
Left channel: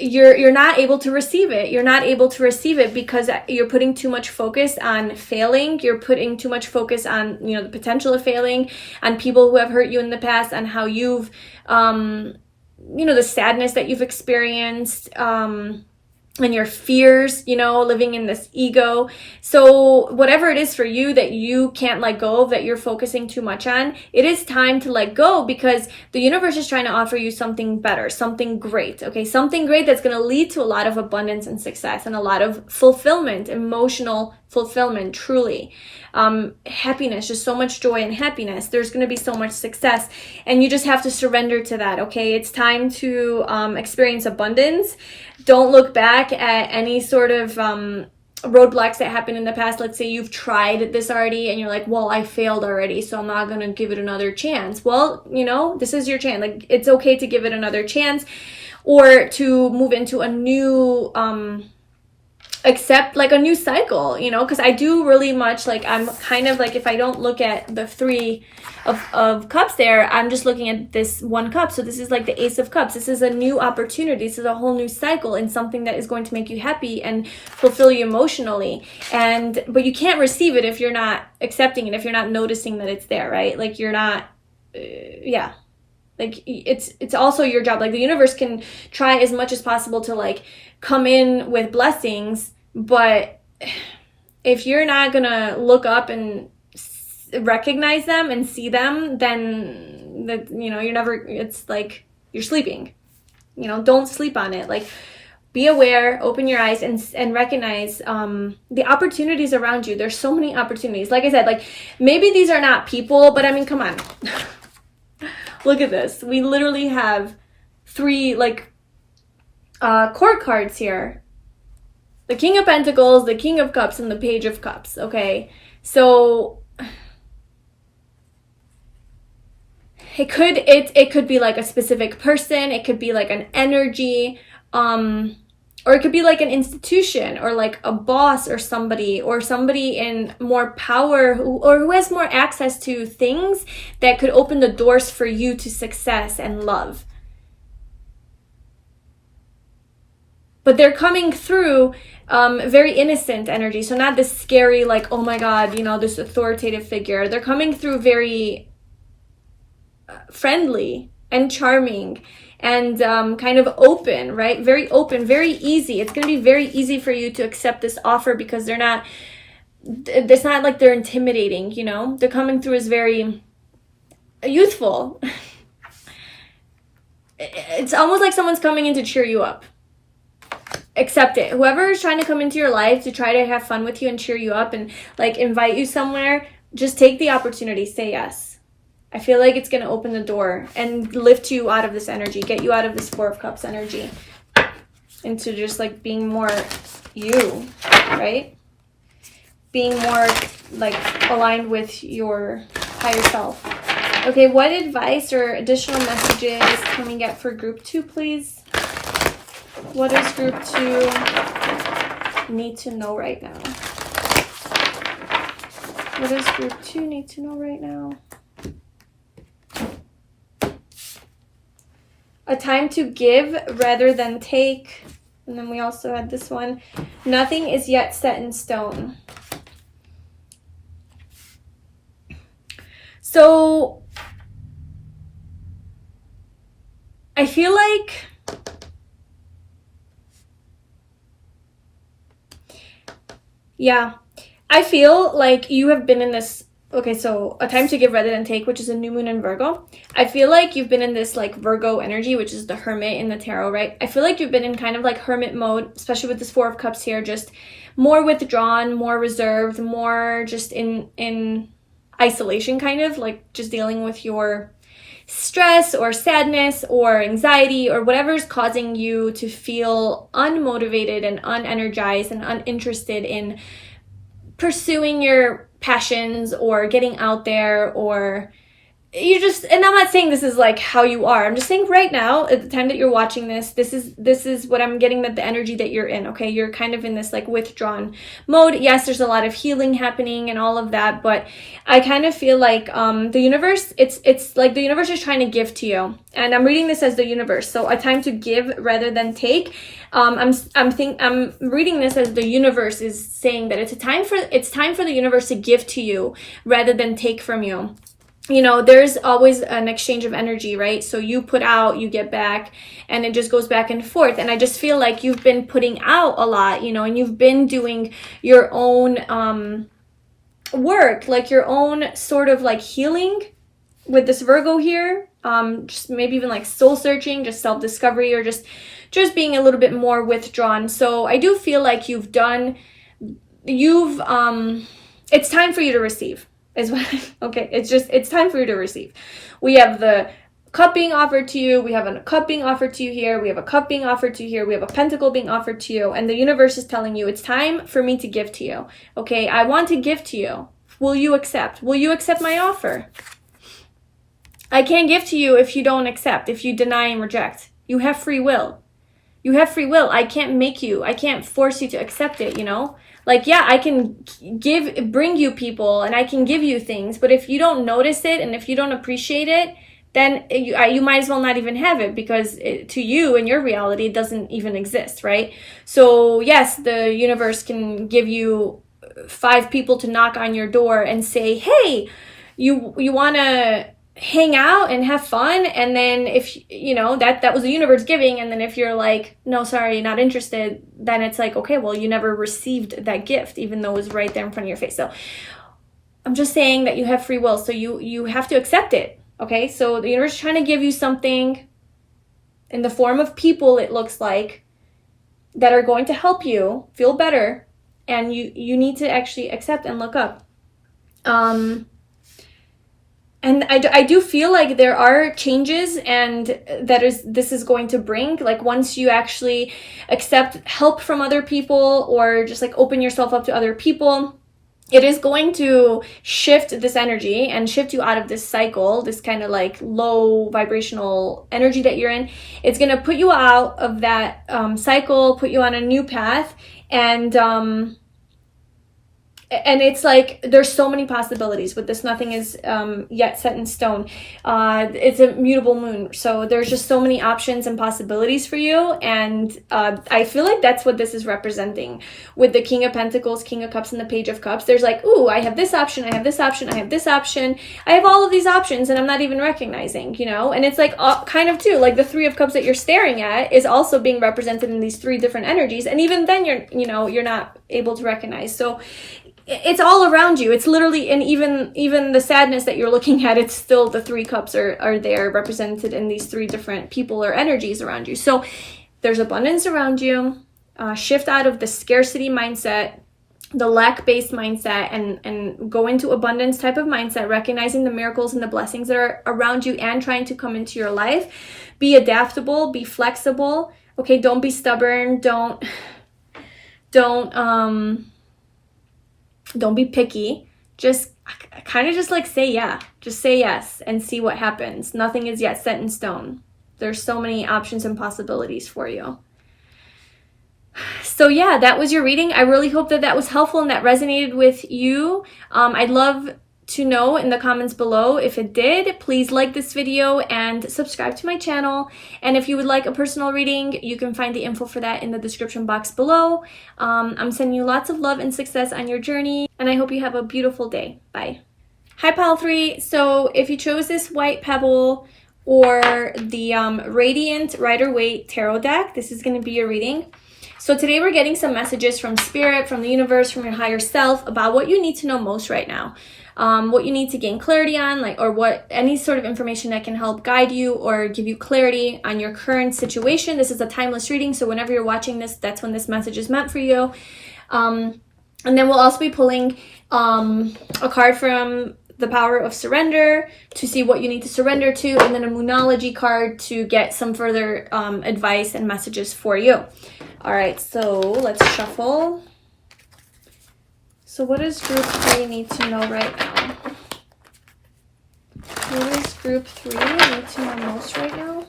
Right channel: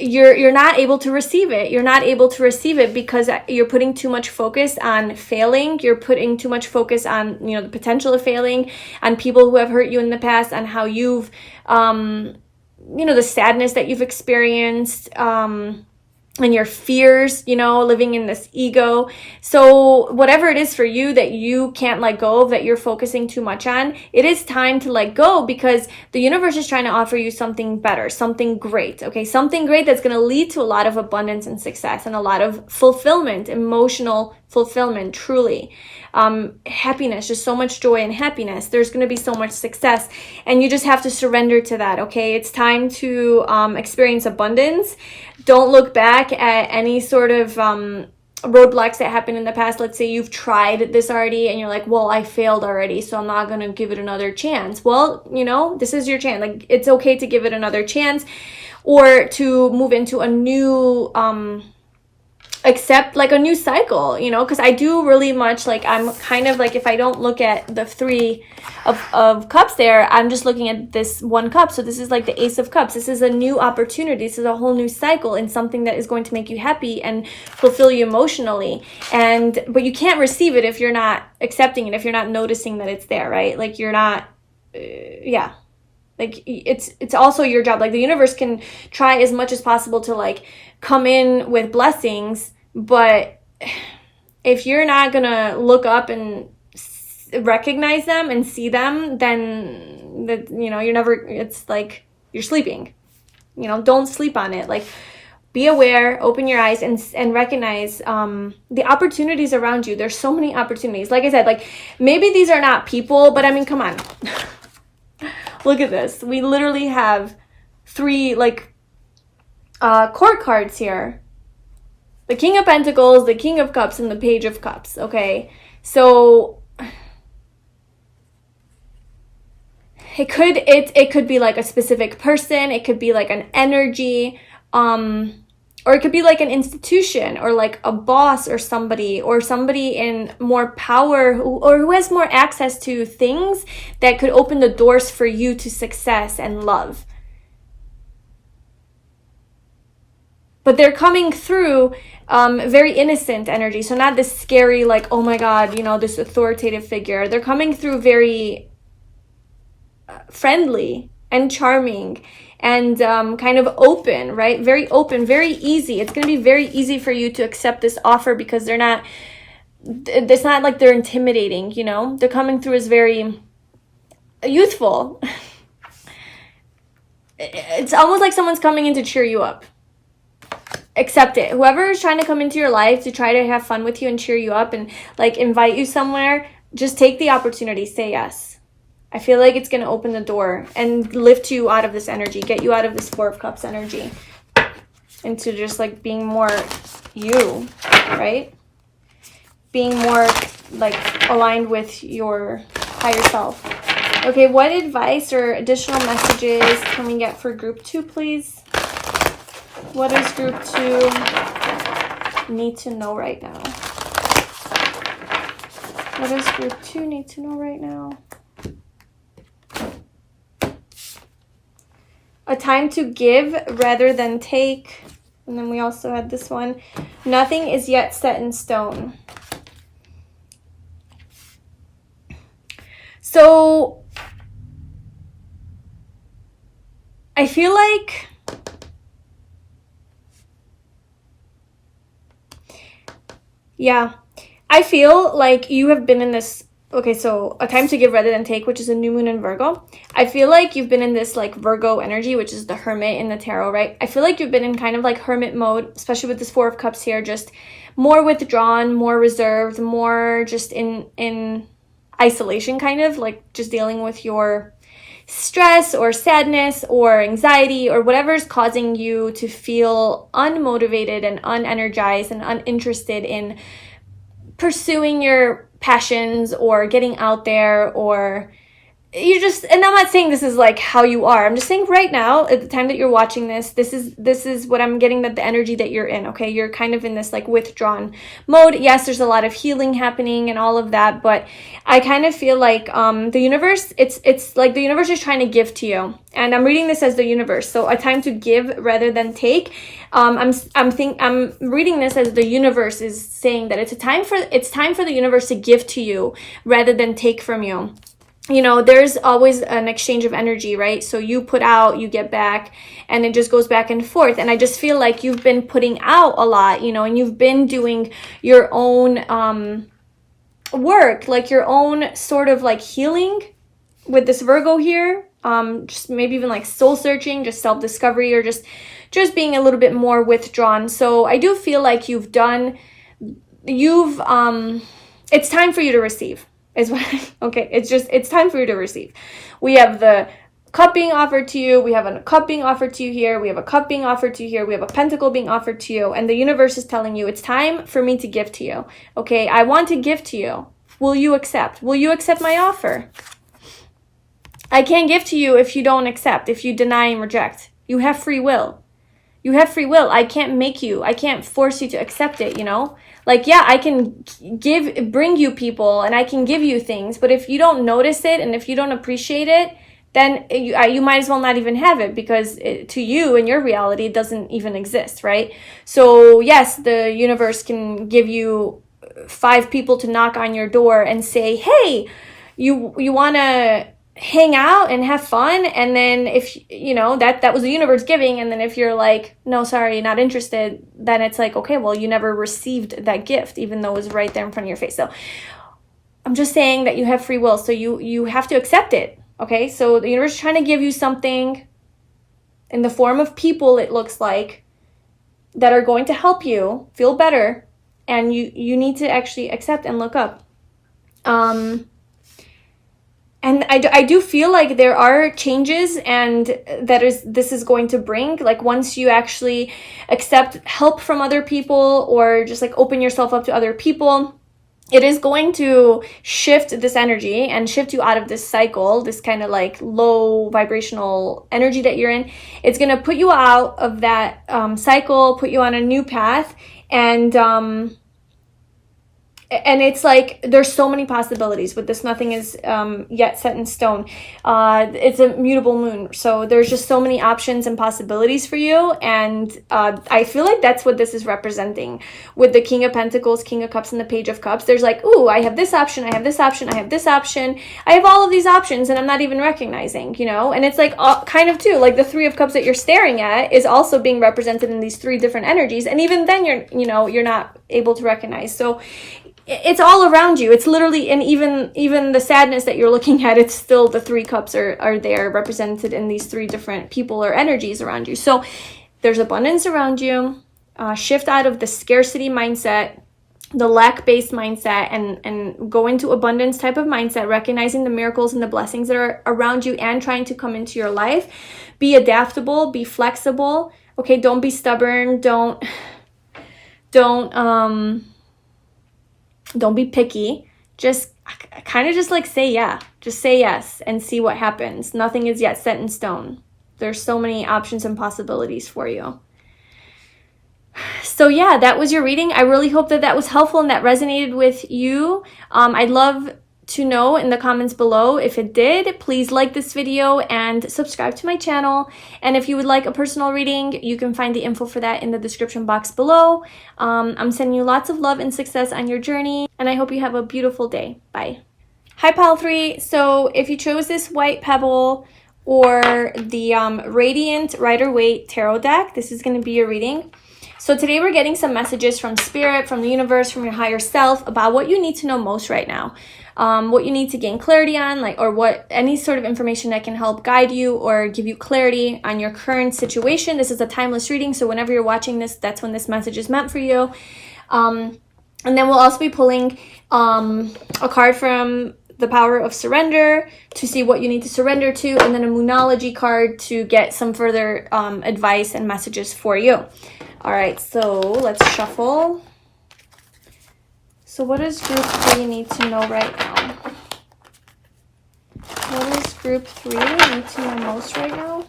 you're not able to receive it. You're not able to receive it because you're putting too much focus on failing. You're putting too much focus on, you know, the potential of failing, on people who have hurt you in the past, on how you've, you know, the sadness that you've experienced, and your fears, you know, living in this ego. So whatever it is for you that you can't let go of, that you're focusing too much on, it is time to let go, because the universe is trying to offer you something better, something great, okay? Something great that's going to lead to a lot of abundance and success and a lot of fulfillment, emotional fulfillment, truly. Happiness, just so much joy and happiness. There's going to be so much success, and you just have to surrender to that, okay? It's time to experience abundance. Don't look back at any sort of roadblocks that happened in the past. Let's say you've tried this already and you're like, well, I failed already, so I'm not going to give it another chance. Well, you know, this is your chance. Like, it's okay to give it another chance, or to move into a new accept like a new cycle, you know, because I do really much like, I'm kind of like, if I don't look at the Three of Cups there, I'm just looking at this one cup. So this is like the Ace of Cups. This is a new opportunity. This is a whole new cycle in something that is going to make you happy and fulfill you emotionally. But you can't receive it if you're not accepting it, if you're not noticing that it's there, right? Like, you're not, yeah. Like, it's also your job. Like, the universe can try as much as possible to like come in with blessings, but if you're not gonna look up and recognize them and see them, then that, you know, it's like you're sleeping, you know. Don't sleep on it. Like, be aware, open your eyes, and recognize the opportunities around you. There's so many opportunities. Like I said, like, maybe these are not people, but I mean, come on. Look at this. We literally have 3 like court cards here. The King of Pentacles, the King of Cups, and the Page of Cups, okay? So it could be like a specific person, it could be like an energy, or it could be like an institution, or like a boss, or somebody in more power, who has more access to things that could open the doors for you to success and love. But they're coming through very innocent energy. So not this scary, like, oh my God, you know, this authoritative figure. They're coming through very friendly and charming and kind of open, right? Very open, very easy. It's going to be very easy for you to accept this offer, because it's not like they're intimidating, you know? They're coming through as very youthful. It's almost like someone's coming in to cheer you up. Accept it. Whoever is trying to come into your life to try to have fun with you and cheer you up and like invite you somewhere, just take the opportunity. Say yes. I feel like it's going to open the door and lift you out of this energy, get you out of this Four of Cups energy into just like being more you, right? Being more like aligned with your higher self. Okay, what advice or additional messages can we get for group 2, please? What does group 2 need to know right now? What does Virtue need to know right now? A time to give rather than take. And then we also had this one. Nothing is yet set in stone. So I feel like I feel like you have been in this, okay, so a time to give rather than take, which is a new moon in Virgo. I feel like you've been in this like Virgo energy, which is the hermit in the tarot, right? I feel like you've been in kind of like hermit mode, especially with this Four of Cups here, just more withdrawn, more reserved, more just in isolation, kind of like just dealing with your stress or sadness or anxiety or whatever's causing you to feel unmotivated and unenergized and uninterested in pursuing your passions or getting out there, or you just, and I'm not saying this is like how you are, I'm just saying right now at the time that you're watching this, this is what I'm getting, that the energy that you're in, okay? You're kind of in this like withdrawn mode. Yes, there's a lot of healing happening and all of that, but I kind of feel like the universe, it's like the universe is trying to give to you, and I'm reading this as the universe. So a time to give rather than take. I'm reading this as the universe is saying that it's time for the universe to give to you rather than take from you. You know, there's always an exchange of energy, right? So you put out, you get back, and it just goes back and forth. And I just feel like you've been putting out a lot, you know, and you've been doing your own work, like your own sort of like healing with this Virgo here. Just maybe even like soul searching, just self-discovery, or just being a little bit more withdrawn. So I do feel like it's time for you to receive. Okay, it's time for you to receive. We have the cup being offered to you, we have a cup being offered to you here, we have a cup being offered to you here, we have a pentacle being offered to you, and the universe is telling you it's time for me to give to you. Okay, I want to give to you. Will you accept? Will you accept my offer? I can't give to you if you don't accept, if you deny and reject. You have free will. You have free will. I can't make you, I can't force you to accept it, you know? Like, yeah, I can bring you people and I can give you things, but if you don't notice it and if you don't appreciate it, then you might as well not even have it, because to you in your reality, it doesn't even exist, right? So yes, the universe can give you 5 people to knock on your door and say, hey, you want to hang out and have fun, and then if you know that was the universe giving, and then if you're like, no, sorry, not interested, then it's like, okay, well, you never received that gift, even though it was right there in front of your face. So I'm just saying that you have free will, so you have to accept it. Okay, so the universe is trying to give you something in the form of people, it looks like, that are going to help you feel better, and you need to actually accept and look up. And I do feel like there are changes, and this is going to bring, like, once you actually accept help from other people, or just like open yourself up to other people, it is going to shift this energy and shift you out of this cycle, this kind of like low vibrational energy that you're in. It's going to put you out of that cycle, put you on a new path, and it's like there's so many possibilities with this. Nothing is yet set in stone. It's a mutable moon, so there's just so many options and possibilities for you, and I feel like that's what this is representing with the King of Pentacles, King of Cups, and the Page of Cups. There's like, ooh, I have this option, I have this option, I have this option, I have all of these options, and I'm not even recognizing, you know? And it's like kind of too, like the Three of Cups that you're staring at is also being represented in these 3 different energies, and even then you're not able to recognize. So it's all around you. It's literally, and even the sadness that you're looking at, it's still the 3 cups are there represented in these 3 different people or energies around you. So there's abundance around you. Shift out of the scarcity mindset, the lack-based mindset, and go into abundance type of mindset, recognizing the miracles and the blessings that are around you and trying to come into your life. Be adaptable, be flexible. Okay, don't be stubborn. Don't be picky. Just kind of just like say yeah. Just say yes and see what happens. Nothing is yet set in stone. There's so many options and possibilities for you. So yeah, that was your reading. I really hope that that was helpful and that resonated with you. I'd love to know in the comments below if it did. Please like this video and subscribe to my channel. And if you would like a personal reading, you can find the info for that in the description box below. I'm sending you lots of love and success on your journey, and I hope you have a beautiful day. Bye. Hi Pile 3. So if you chose this white pebble or the Radiant Rider-Waite tarot deck, this is going to be your reading. So today we're getting some messages from spirit, from the universe, from your higher self about what you need to know most right now. What you need to gain clarity on, or what any sort of information that can help guide you or give you clarity on your current situation. This is a timeless reading, so whenever you're watching this, that's when this message is meant for you. And then we'll also be pulling a card from the Power of Surrender to see what you need to surrender to, and then a Moonology card to get some further advice and messages for you. All right, so let's shuffle. So what does group 3 need to know right now? What does group 3 need to know most right now?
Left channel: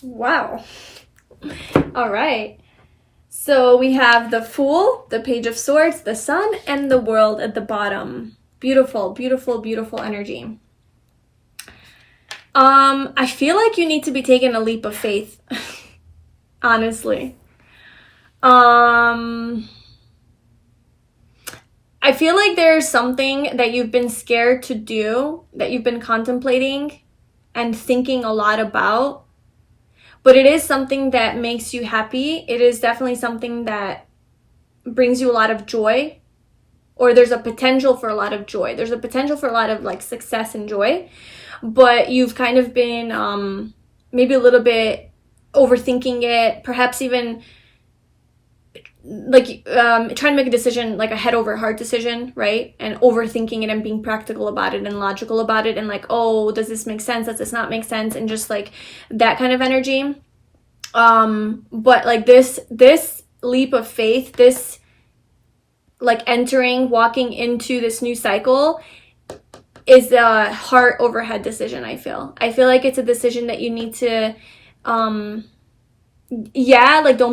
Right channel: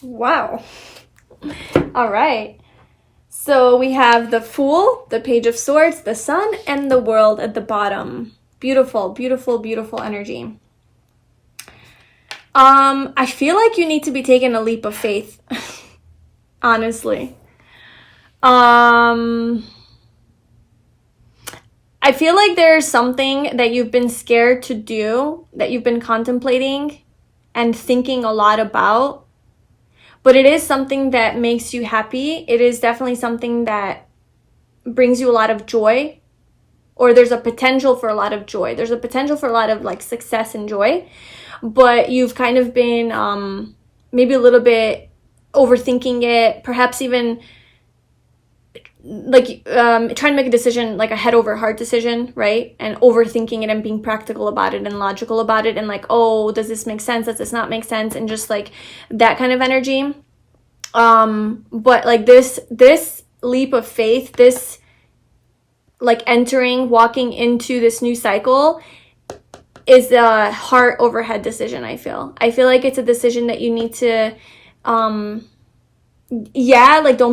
Wow. All right. So we have the Fool, the Page of Swords, the Sun, and the World at the bottom. Beautiful, beautiful, beautiful energy. I feel like you need to be taking a leap of faith. Honestly. I feel like there's something that you've been scared to do, that you've been contemplating and thinking a lot about. But it is something that makes you happy. It is definitely something that brings you a lot of joy, or there's a potential for a lot of joy. There's a potential for a lot of success and joy, but you've kind of been maybe a little bit overthinking it, perhaps even trying to make a decision, like a head over heart decision, right? And overthinking it and being practical about it and logical about it, and oh, does this make sense? Does this not make sense? And just that kind of energy. But this leap of faith, this walking into this new cycle is a heart over head decision. I feel like it's a decision that you need to don't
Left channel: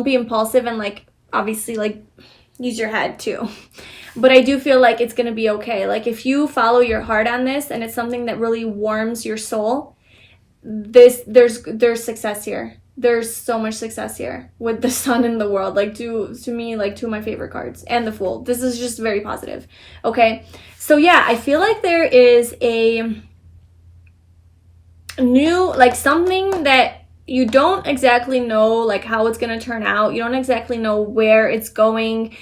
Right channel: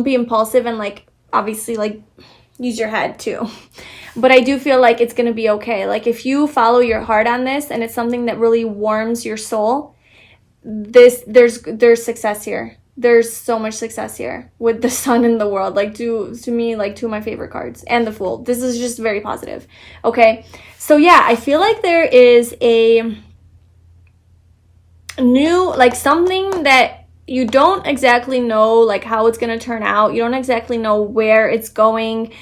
be impulsive and obviously use your head too. But I do feel like it's going to be okay. If you follow your heart on this and it's something that really warms your soul, there's success here. There's so much success here with the Sun in the World. To me, two of my favorite cards, and the Fool. This is just very positive. Okay. So yeah, I feel like there is a new, something that you don't exactly know how it's going to turn out. You don't exactly know where it's going.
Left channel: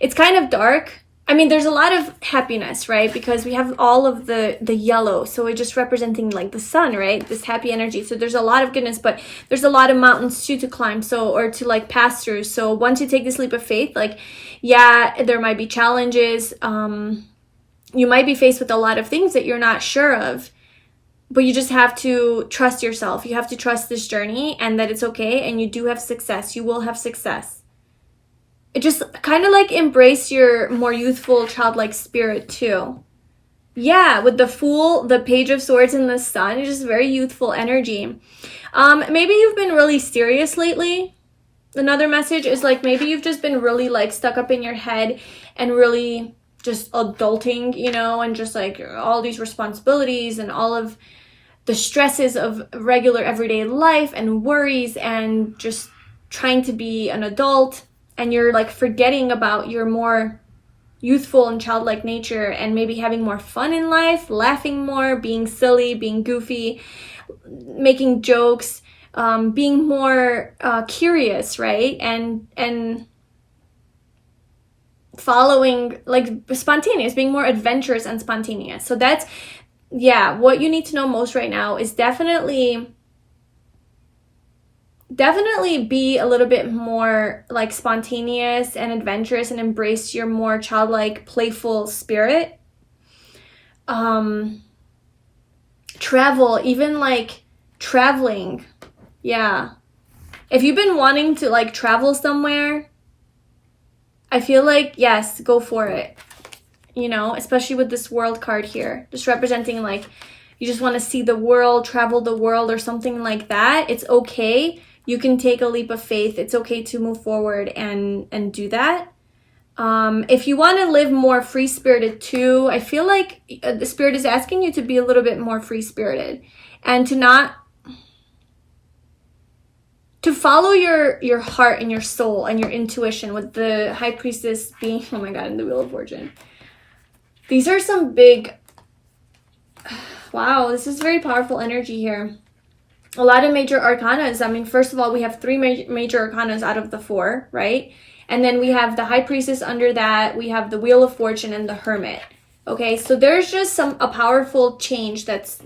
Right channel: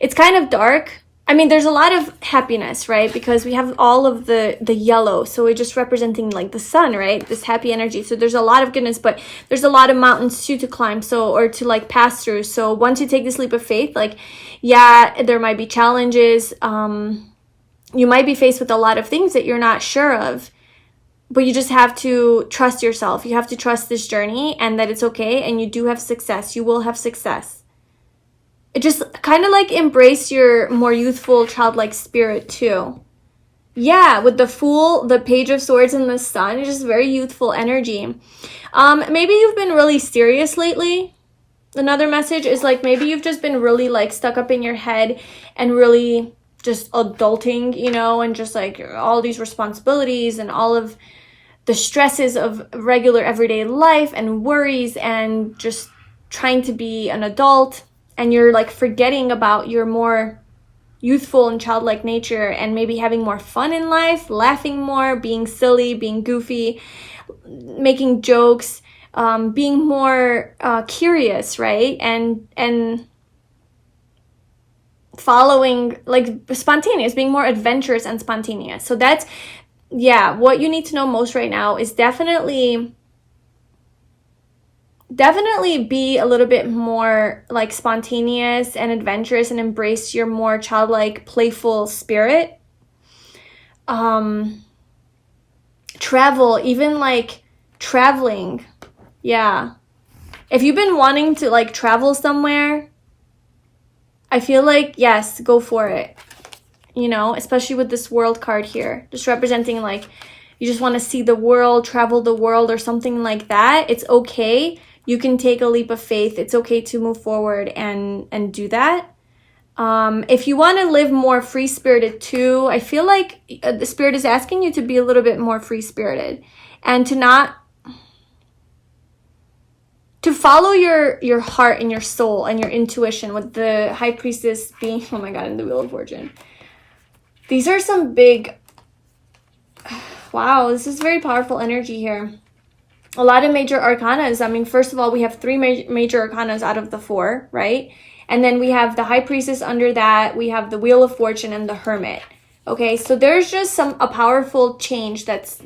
It's kind of dark. I mean, there's a lot of happiness, right? Because we have all of the yellow. So we're just representing the sun, right? This happy energy. So there's a lot of goodness, but there's a lot of mountains too to climb. So, or to pass through. So once you take this leap of faith, yeah, there might be challenges. You might be faced with a lot of things that you're not sure of. But you just have to trust yourself. You have to trust this journey and that it's okay. And you do have success. You will have success. It just kind of embrace your more youthful, childlike spirit too. Yeah, with the Fool, the Page of Swords, and the Sun, it's just very youthful energy. Maybe you've been really serious lately. Another message is maybe you've just been really stuck up in your head and really just adulting, and just all these responsibilities and all of the stresses of regular everyday life and worries and just trying to be an adult, and you're forgetting about your more youthful and childlike nature and maybe having more fun in life, laughing more, being silly, being goofy, making jokes, being more curious, right? And following spontaneous, being more adventurous and spontaneous. So that's yeah, what you need to know most right now is definitely be a little bit more like spontaneous and adventurous and embrace your more childlike, playful spirit. Travel, even like traveling. Yeah. If you've been wanting to like travel somewhere, I feel like, yes, go for it. You know, especially with this world card here, just representing like you just want to see the world, travel the world or something like that. It's okay. You can take a leap of faith. It's okay to move forward and do that. If you want to live more free-spirited too, I feel like the spirit is asking you to be a little bit more free-spirited and to follow your heart and your soul and your intuition, with the High Priestess being, oh my God, in the Wheel of Fortune. These are some big, wow, this is very powerful energy here. A lot of major arcanas. I mean, first of all, we have 3 major arcanas out of the 4, right? And then we have the High Priestess under that. We have the Wheel of Fortune and the Hermit. Okay, so there's just a powerful change that's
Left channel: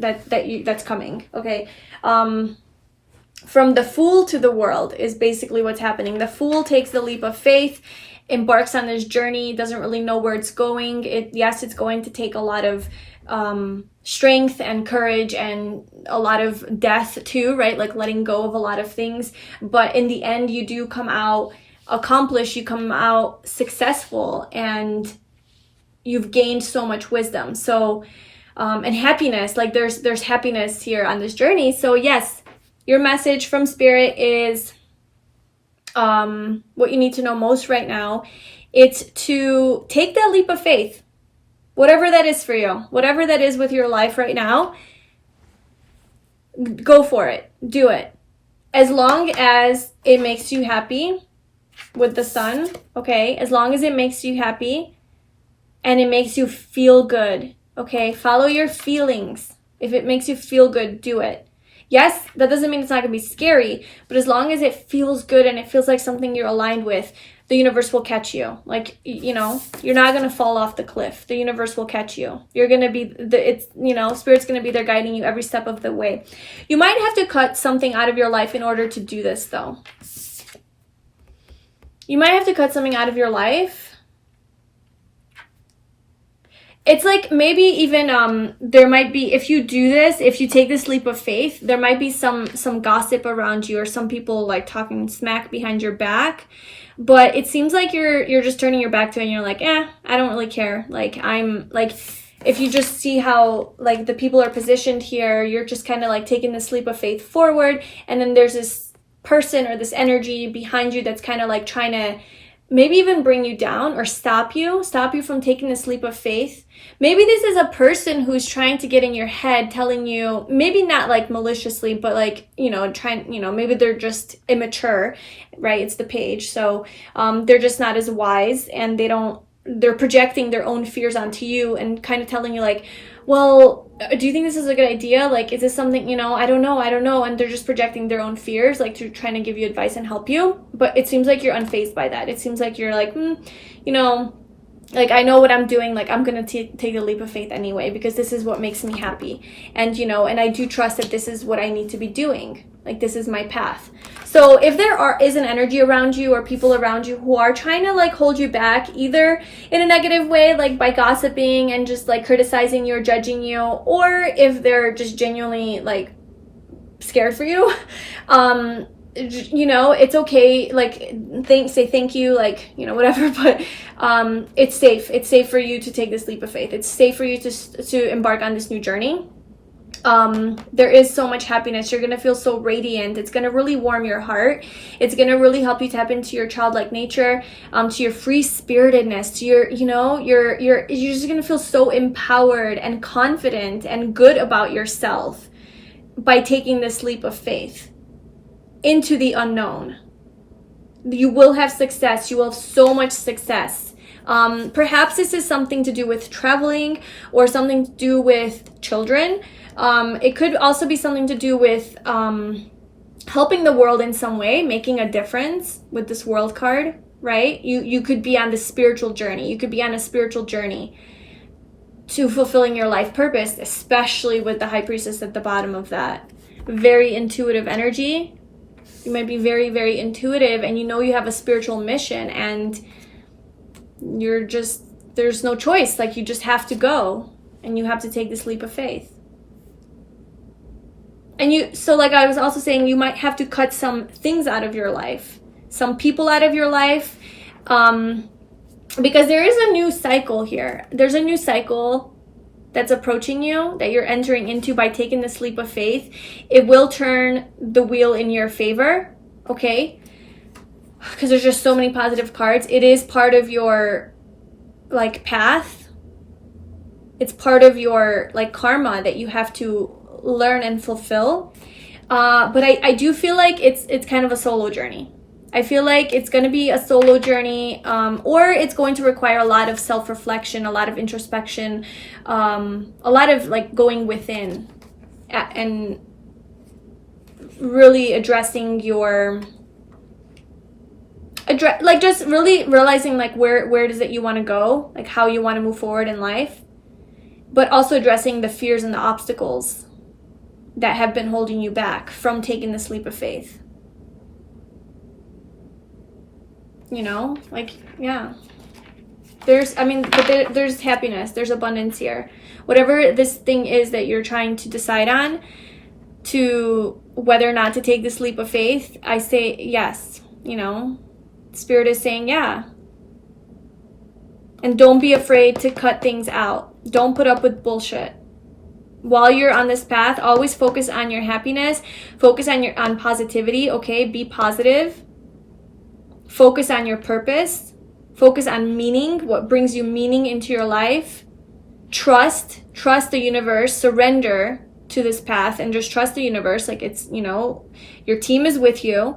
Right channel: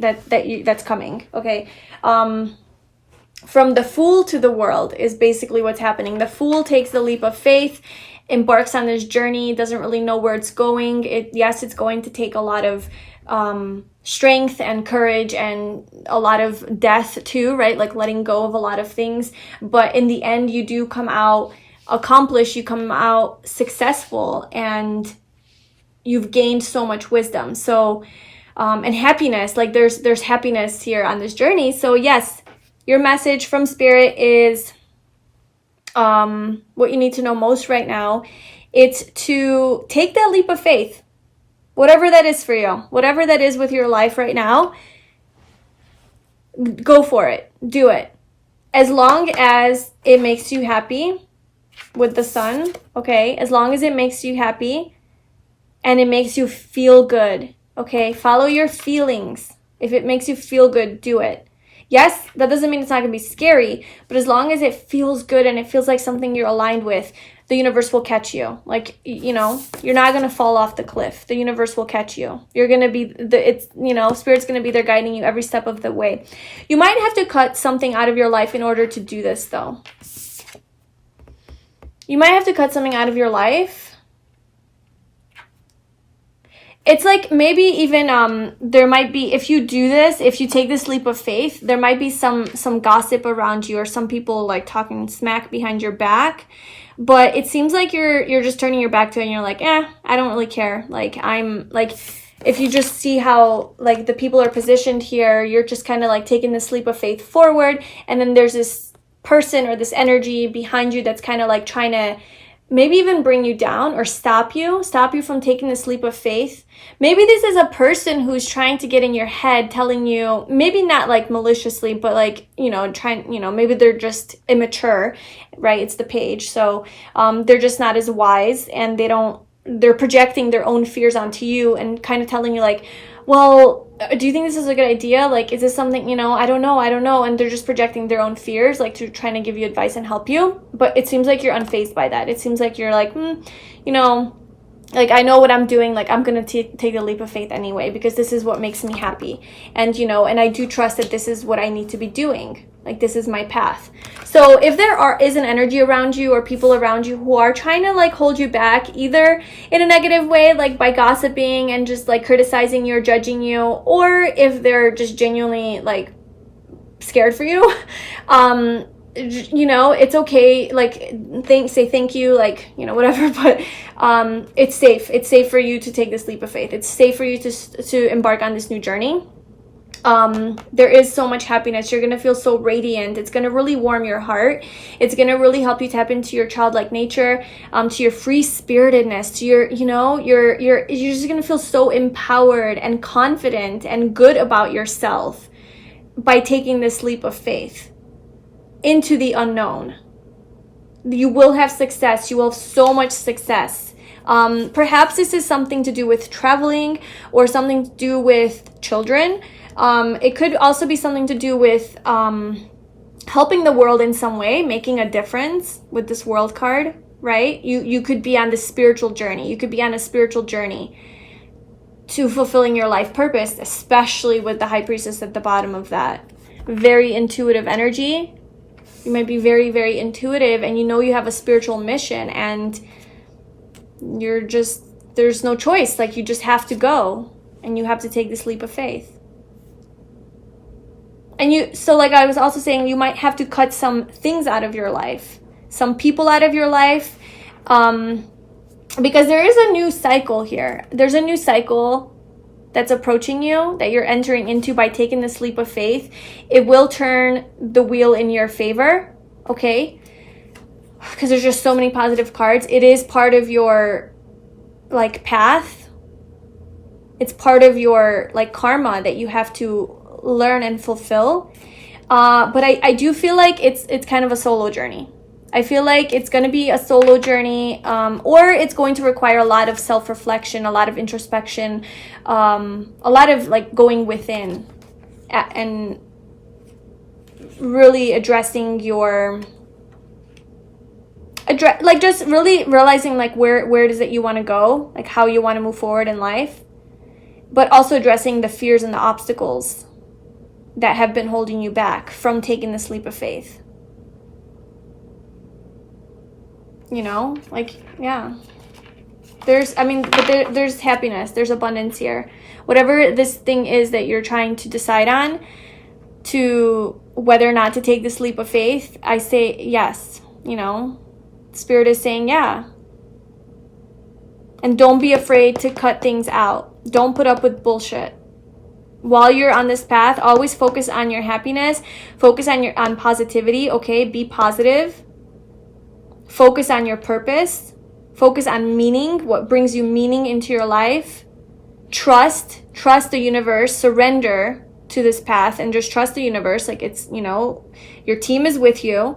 coming. Okay, from the Fool to the World is basically what's happening. The Fool takes the leap of faith, embarks on this journey, doesn't really know where it's going. Yes, it's going to take a lot of strength and courage and a lot of death too, right? Like letting go of a lot of things. But in the end, you do come out accomplished, you come out successful, and you've gained so much wisdom. So, and happiness, like there's happiness here on this journey. So yes, your message from Spirit is what you need to know most right now. It's to take that leap of faith. Whatever that is for you, whatever that is with your life right now, go for it. Do it. As long as it makes you happy with the Sun, okay? As long as it makes you happy and it makes you feel good, okay? Follow your feelings. If it makes you feel good, do it. Yes, that doesn't mean it's not going to be scary, but as long as it feels good and it feels like something you're aligned with, the universe will catch you. Like, you know, you're not going to fall off the cliff. The universe will catch you. You're going to be, Spirit's going to be there guiding you every step of the way. You might have to cut something out of your life in order to do this, though. You might have to cut something out of your life. It's like maybe even there might be, if you do this, if you take this leap of faith, there might be some gossip around you or some people like talking smack behind your back. But it seems like you're just turning your back to it and you're like, I don't really care. Like, I'm like, if you just see how like the people are positioned here, you're just kind of like taking this leap of faith forward. And then there's this person or this energy behind you that's kind of like trying to maybe even bring you down or stop you from taking this leap of faith. Maybe this is a person who's trying to get in your head, telling you, maybe not like maliciously, but like, maybe they're just immature, right? It's the Page. So they're just not as wise, and they're projecting their own fears onto you and kind of telling you like, well, do you think this is a good idea? Like, is this something, I don't know. And they're just projecting their own fears, like to trying to give you advice and help you. But it seems like you're unfazed by that. It seems like you're like, like, I know what I'm doing. Like, I'm going to take the leap of faith anyway, because this is what makes me happy. And, and I do trust that this is what I need to be doing. Like, this is my path. So if there is an energy around you or people around you who are trying to like hold you back, either in a negative way, like by gossiping and just like criticizing you or judging you, or if they're just genuinely like scared for you, it's okay. Like, say thank you, like, whatever, but it's safe for you to take this leap of faith. It's safe for you to embark on this new journey. There is so much happiness. You're going to feel so radiant. It's going to really warm your heart. It's going to really help you tap into your childlike nature, to your free spiritedness, to your, you're just going to feel so empowered and confident and good about yourself by taking this leap of faith into the unknown. You will have success. You will have so much success. Perhaps this is something to do with traveling or something to do with children. It could also be something to do with helping the world in some way, making a difference with this World card, right? You could be on the spiritual journey. You could be on a spiritual journey. to fulfilling your life purpose, especially with the High Priestess at the bottom of that. Very intuitive energy. You might be very, very intuitive, and you know you have a spiritual mission, and you're just, there's no choice. Like, you just have to go, and you have to take this leap of faith. And you, so like I was also saying, you might have to cut some things out of your life, some people out of your life, because there is a new cycle here. There's a new cycle that's approaching you, that you're entering into by taking this leap of faith. It will turn the wheel in your favor, okay? Because there's just so many positive cards. It is part of your, like, path. It's part of your, like, karma that you have to learn and fulfill. But I do feel like it's kind of a solo journey. I feel like it's going to be a solo journey, or it's going to require a lot of self-reflection, a lot of introspection, a lot of like going within and really addressing your, like just really realizing like where it is that you want to go, like how you want to move forward in life, but also addressing the fears and the obstacles that have been holding you back from taking this leap of faith. You know, like, yeah, there's happiness, there's abundance here. Whatever this thing is that you're trying to decide on, to whether or not to take this leap of faith, I say yes. You know, Spirit is saying yeah. And don't be afraid to cut things out. Don't put up with bullshit. While you're on this path, always focus on your happiness, focus on positivity, okay? Be positive. Focus on your purpose. Focus on meaning, what brings you meaning into your life. Trust the universe. Surrender to this path and just trust the universe. Like, it's, you know, your team is with you.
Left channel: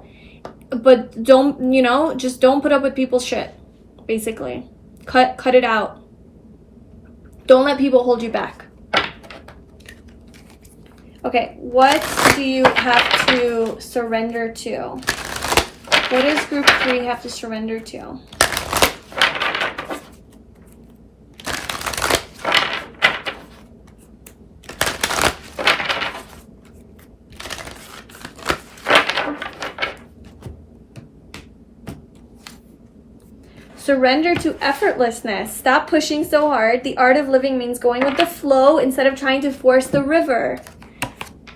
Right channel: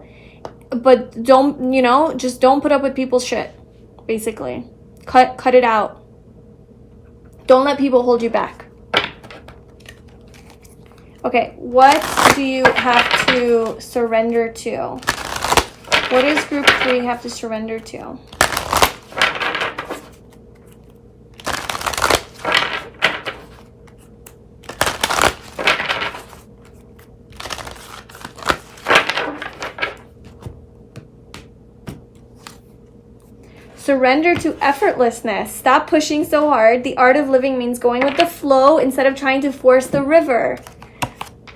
But don't, you know, just don't put up with people's shit, basically. Cut it out. Don't let people hold you back. Okay, what do you have to surrender to? What does group 3 have to surrender to? Surrender to effortlessness. Stop pushing so hard. The art of living means going with the flow instead of trying to force the river.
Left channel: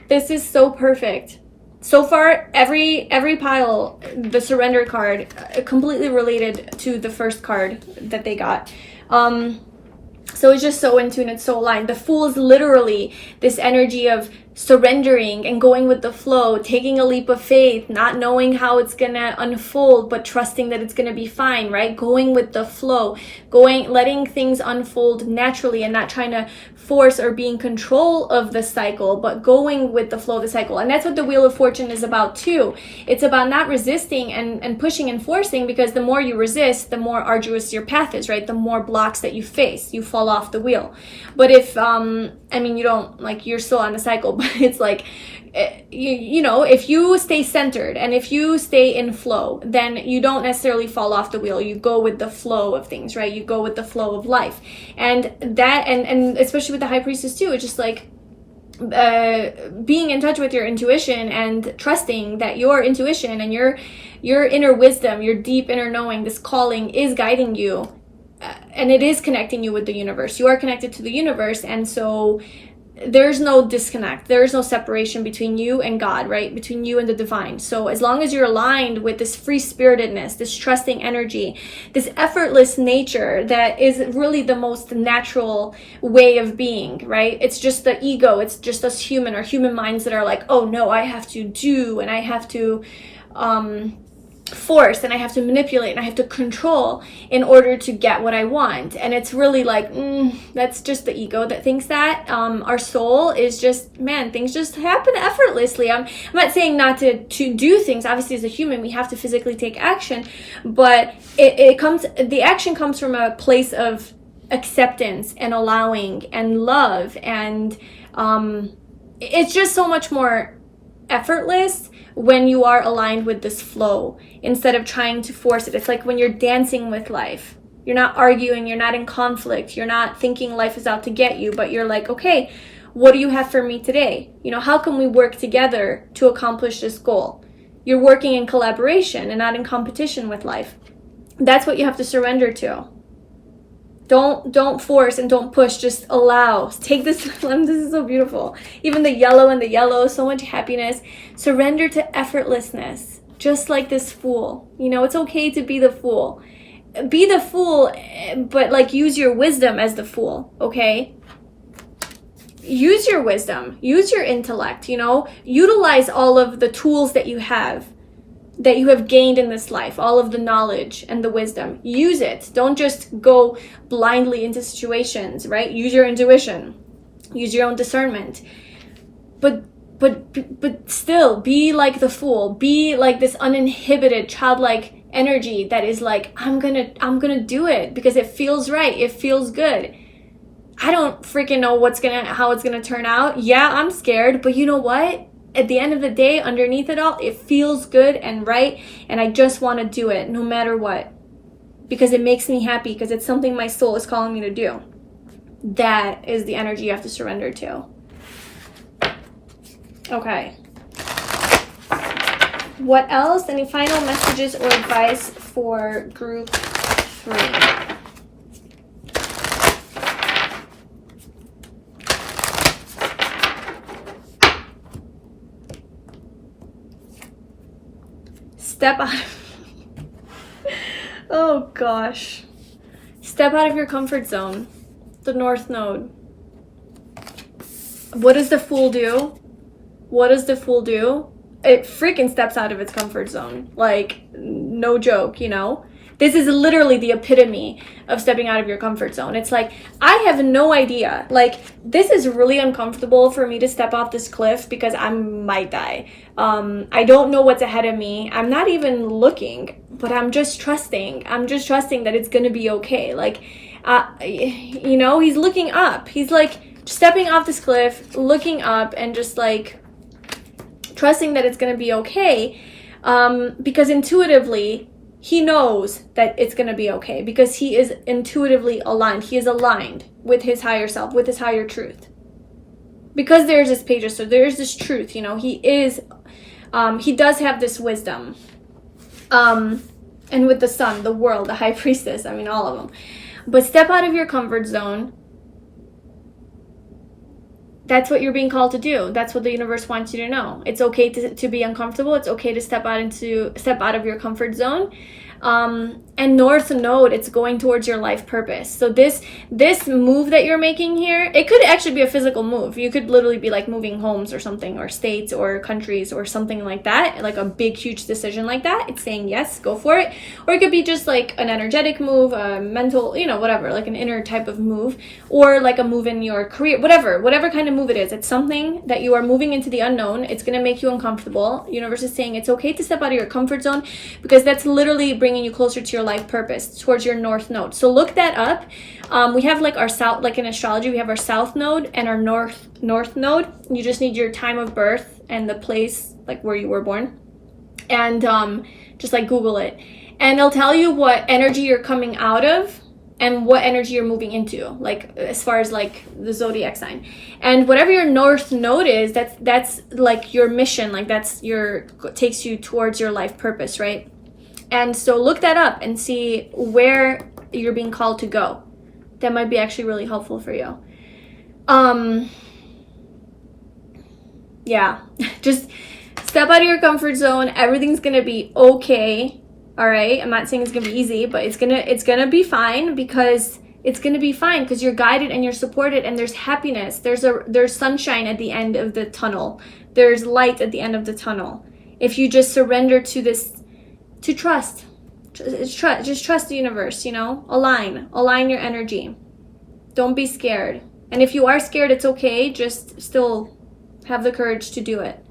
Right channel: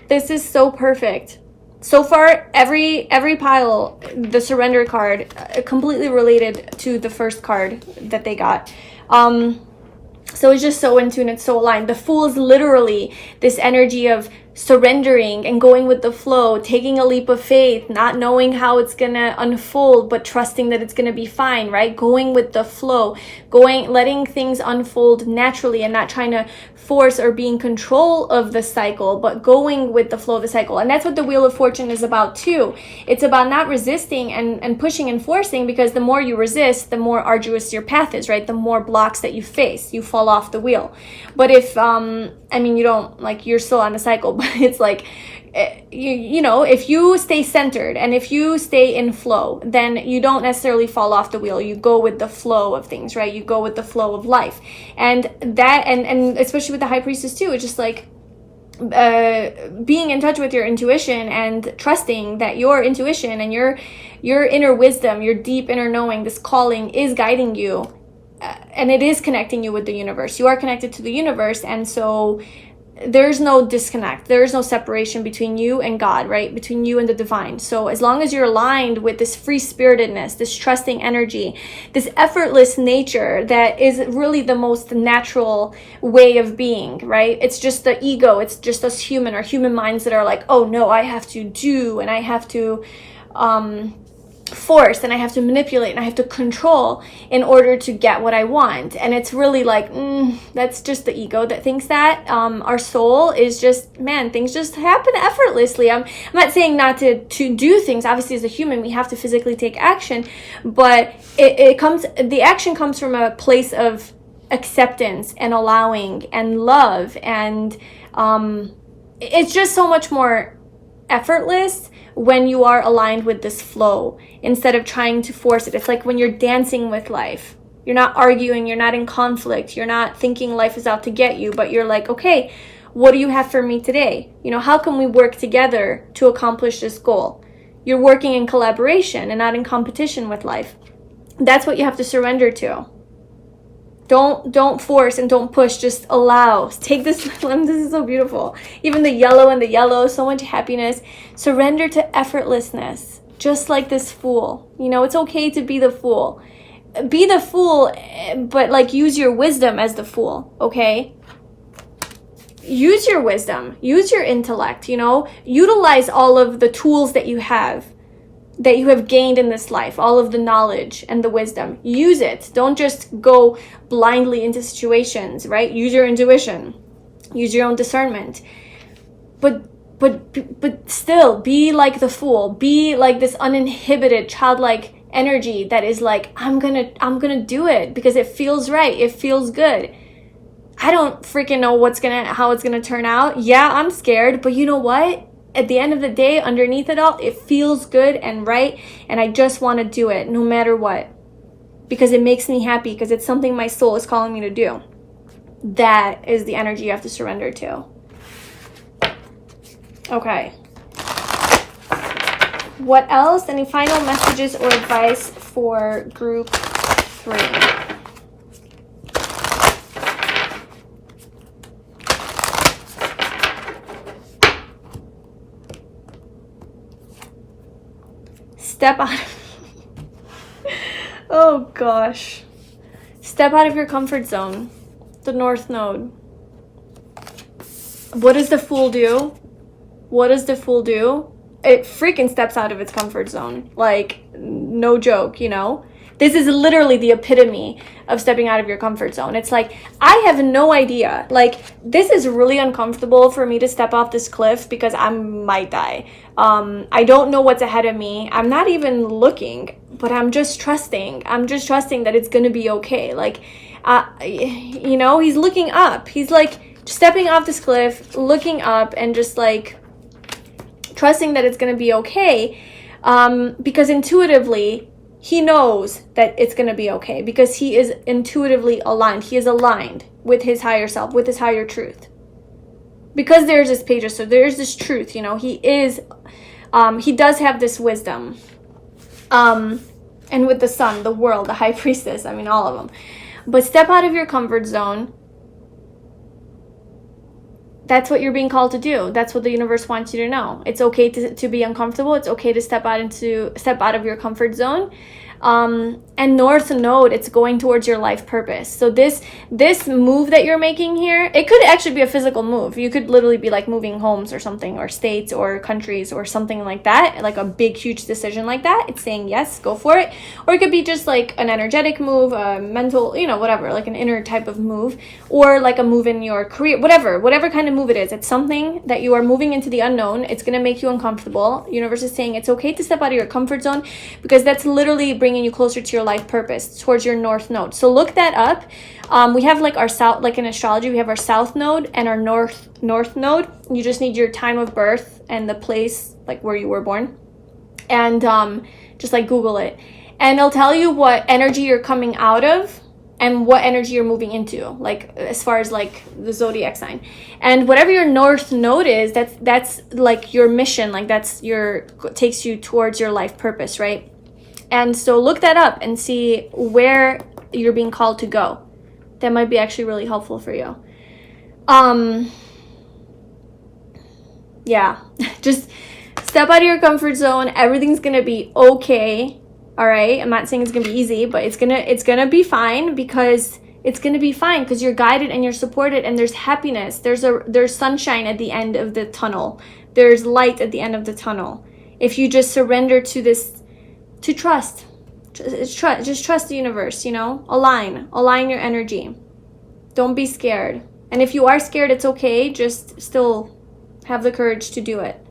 This is so perfect. So far, every pile, the surrender card, completely related to the first card that they got. So it's just so in tune, it's so aligned. The Fool is literally this energy of surrendering and going with the flow, taking a leap of faith, not knowing how it's gonna unfold, but trusting that it's gonna be fine, right? Going with the flow, letting things unfold naturally and not trying to force or be in control of the cycle, but going with the flow of the cycle. And that's what the Wheel of Fortune is about too. It's about not resisting and pushing and forcing, because the more you resist, the more arduous your path is, right? The more blocks that you face, you fall off the wheel. But if, you don't, like, you're still on the cycle, but it's like, you know, if you stay centered and if you stay in flow, then you don't necessarily fall off the wheel. You go with the flow of things, right? You go with the flow of life. And that, and especially with the High Priestess too, it's just like being in touch with your intuition and trusting that your intuition and your inner wisdom, your deep inner knowing, this calling is guiding you, and it is connecting you with the universe. You are connected to the universe, and so there's no disconnect. There's no separation between you and God, right? Between you and the divine. So as long as you're aligned with this free-spiritedness, this trusting energy, this effortless nature that is really the most natural way of being, right? It's just the ego. It's just us human minds that are like, oh no, I have to do, and I have to force, and I have to manipulate, and I have to control in order to get what I want. And it's really like, that's just the ego that thinks that. Our soul is just, man, things just happen effortlessly. I'm not saying not to do things. Obviously, as a human, we have to physically take action, but the action comes from a place of acceptance and allowing and love, and it's just so much more effortless when you are aligned with this flow instead of trying to force it. It's like when you're dancing with life. You're not arguing, you're not in conflict, you're not thinking life is out to get you, but you're like, okay, what do you have for me today? You know, how can we work together to accomplish this goal? You're working in collaboration and not in competition with life. That's what you have to surrender to. Don't force and don't push, just allow. Take this, this is so beautiful. Even the yellow, so much happiness. Surrender to effortlessness, just like this fool. You know, it's okay to be the fool. Be the fool, but like use your wisdom as the fool, okay? Use your wisdom, use your intellect, you know? Utilize all of the tools that you have gained in this life, all of the knowledge and the wisdom. Use it. Don't just go blindly into situations, right? Use your intuition. Use your own discernment. But still, be like the fool. Be like this uninhibited, childlike energy that is like, I'm gonna do it because it feels right. It feels good. I don't freaking know how it's gonna turn out. Yeah, I'm scared, but you know what? At the end of the day, underneath it all, it feels good and right, and I just want to do it no matter what, because it makes me happy, because it's something my soul is calling me to do. That is the energy you have to surrender to. Okay. What else? Any final messages or advice for group 3? Step out oh gosh. Step out of your comfort zone. The North Node. What does the Fool do? What does the Fool do? It freaking steps out of its comfort zone. Like, no joke, you know? This is literally the epitome of stepping out of your comfort zone. It's like, I have no idea. Like, this is really uncomfortable for me to step off this cliff because I might die. I don't know what's ahead of me. I'm not even looking, but I'm just trusting. I'm just trusting that it's gonna be okay. Like, you know, he's looking up. He's like stepping off this cliff, looking up, and just like trusting that it's gonna be okay. Because intuitively, he knows that it's going to be okay, because he is intuitively aligned. He is aligned with his higher self, with his higher truth. Because there's this page, so there's this truth, you know, he does have this wisdom. And with the sun, the world, the high priestess, I mean, all of them. But step out of your comfort zone. That's what you're being called to do. That's what the universe wants you to know. It's okay to be uncomfortable. It's okay to step out of your comfort zone. And North Node, it's going towards your life purpose. So this move that you're making here, it could actually be a physical move. You could literally be like moving homes or something, or states or countries or something like that, like a big, huge decision like that. It's saying, yes, go for it. Or it could be just like an energetic move, a mental, you know, whatever, like an inner type of move, or like a move in your career, whatever kind of move it is. It's something that you are moving into the unknown. It's going to make you uncomfortable. Universe is saying it's okay to step out of your comfort zone, because that's literally bringing you closer to your life purpose, towards your North Node. So look that up. We have like our south, like in astrology, we have our South Node and our North Node. You just need your time of birth and the place, like where you were born, and just like Google it, and it'll tell you what energy you're coming out of and what energy you're moving into, like as far as like the zodiac sign. And whatever your North Node is, that's like your mission, like takes you towards your life purpose, right? And so look that up and see where you're being called to go. That might be actually really helpful for you. Yeah, just step out of your comfort zone. Everything's gonna be okay. All right, I'm not saying it's gonna be easy, but it's gonna be fine, because it's gonna be fine because you're guided and you're supported, and there's happiness. There's sunshine at the end of the tunnel. There's light at the end of the tunnel. If you just surrender to this, to trust, just trust the universe, you know, align your energy. Don't be scared. And if you are scared, it's okay. Just still have the courage to do it.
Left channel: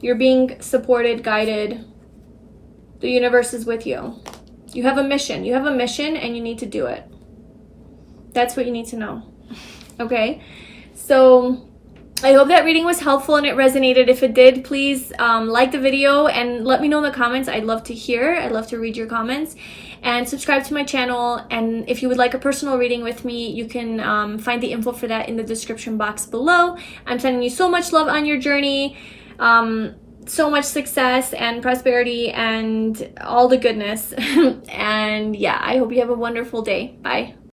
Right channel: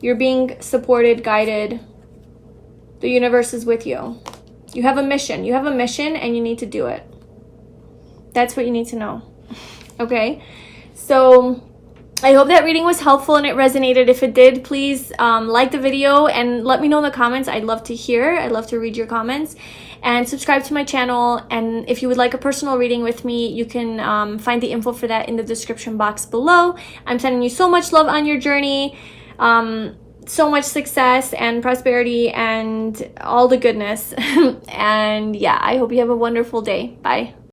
You're being supported, guided. The universe is with you. You have a mission. You have a mission, and you need to do it. That's what you need to know. Okay? So I hope that reading was helpful and it resonated. If it did, please like the video and let me know in the comments. I'd love to hear. I'd love to read your comments. And subscribe to my channel. And if you would like a personal reading with me, you can find the info for that in the description box below. I'm sending you so much love on your journey. So much success and prosperity and all the goodness. And yeah, I hope you have a wonderful day. Bye.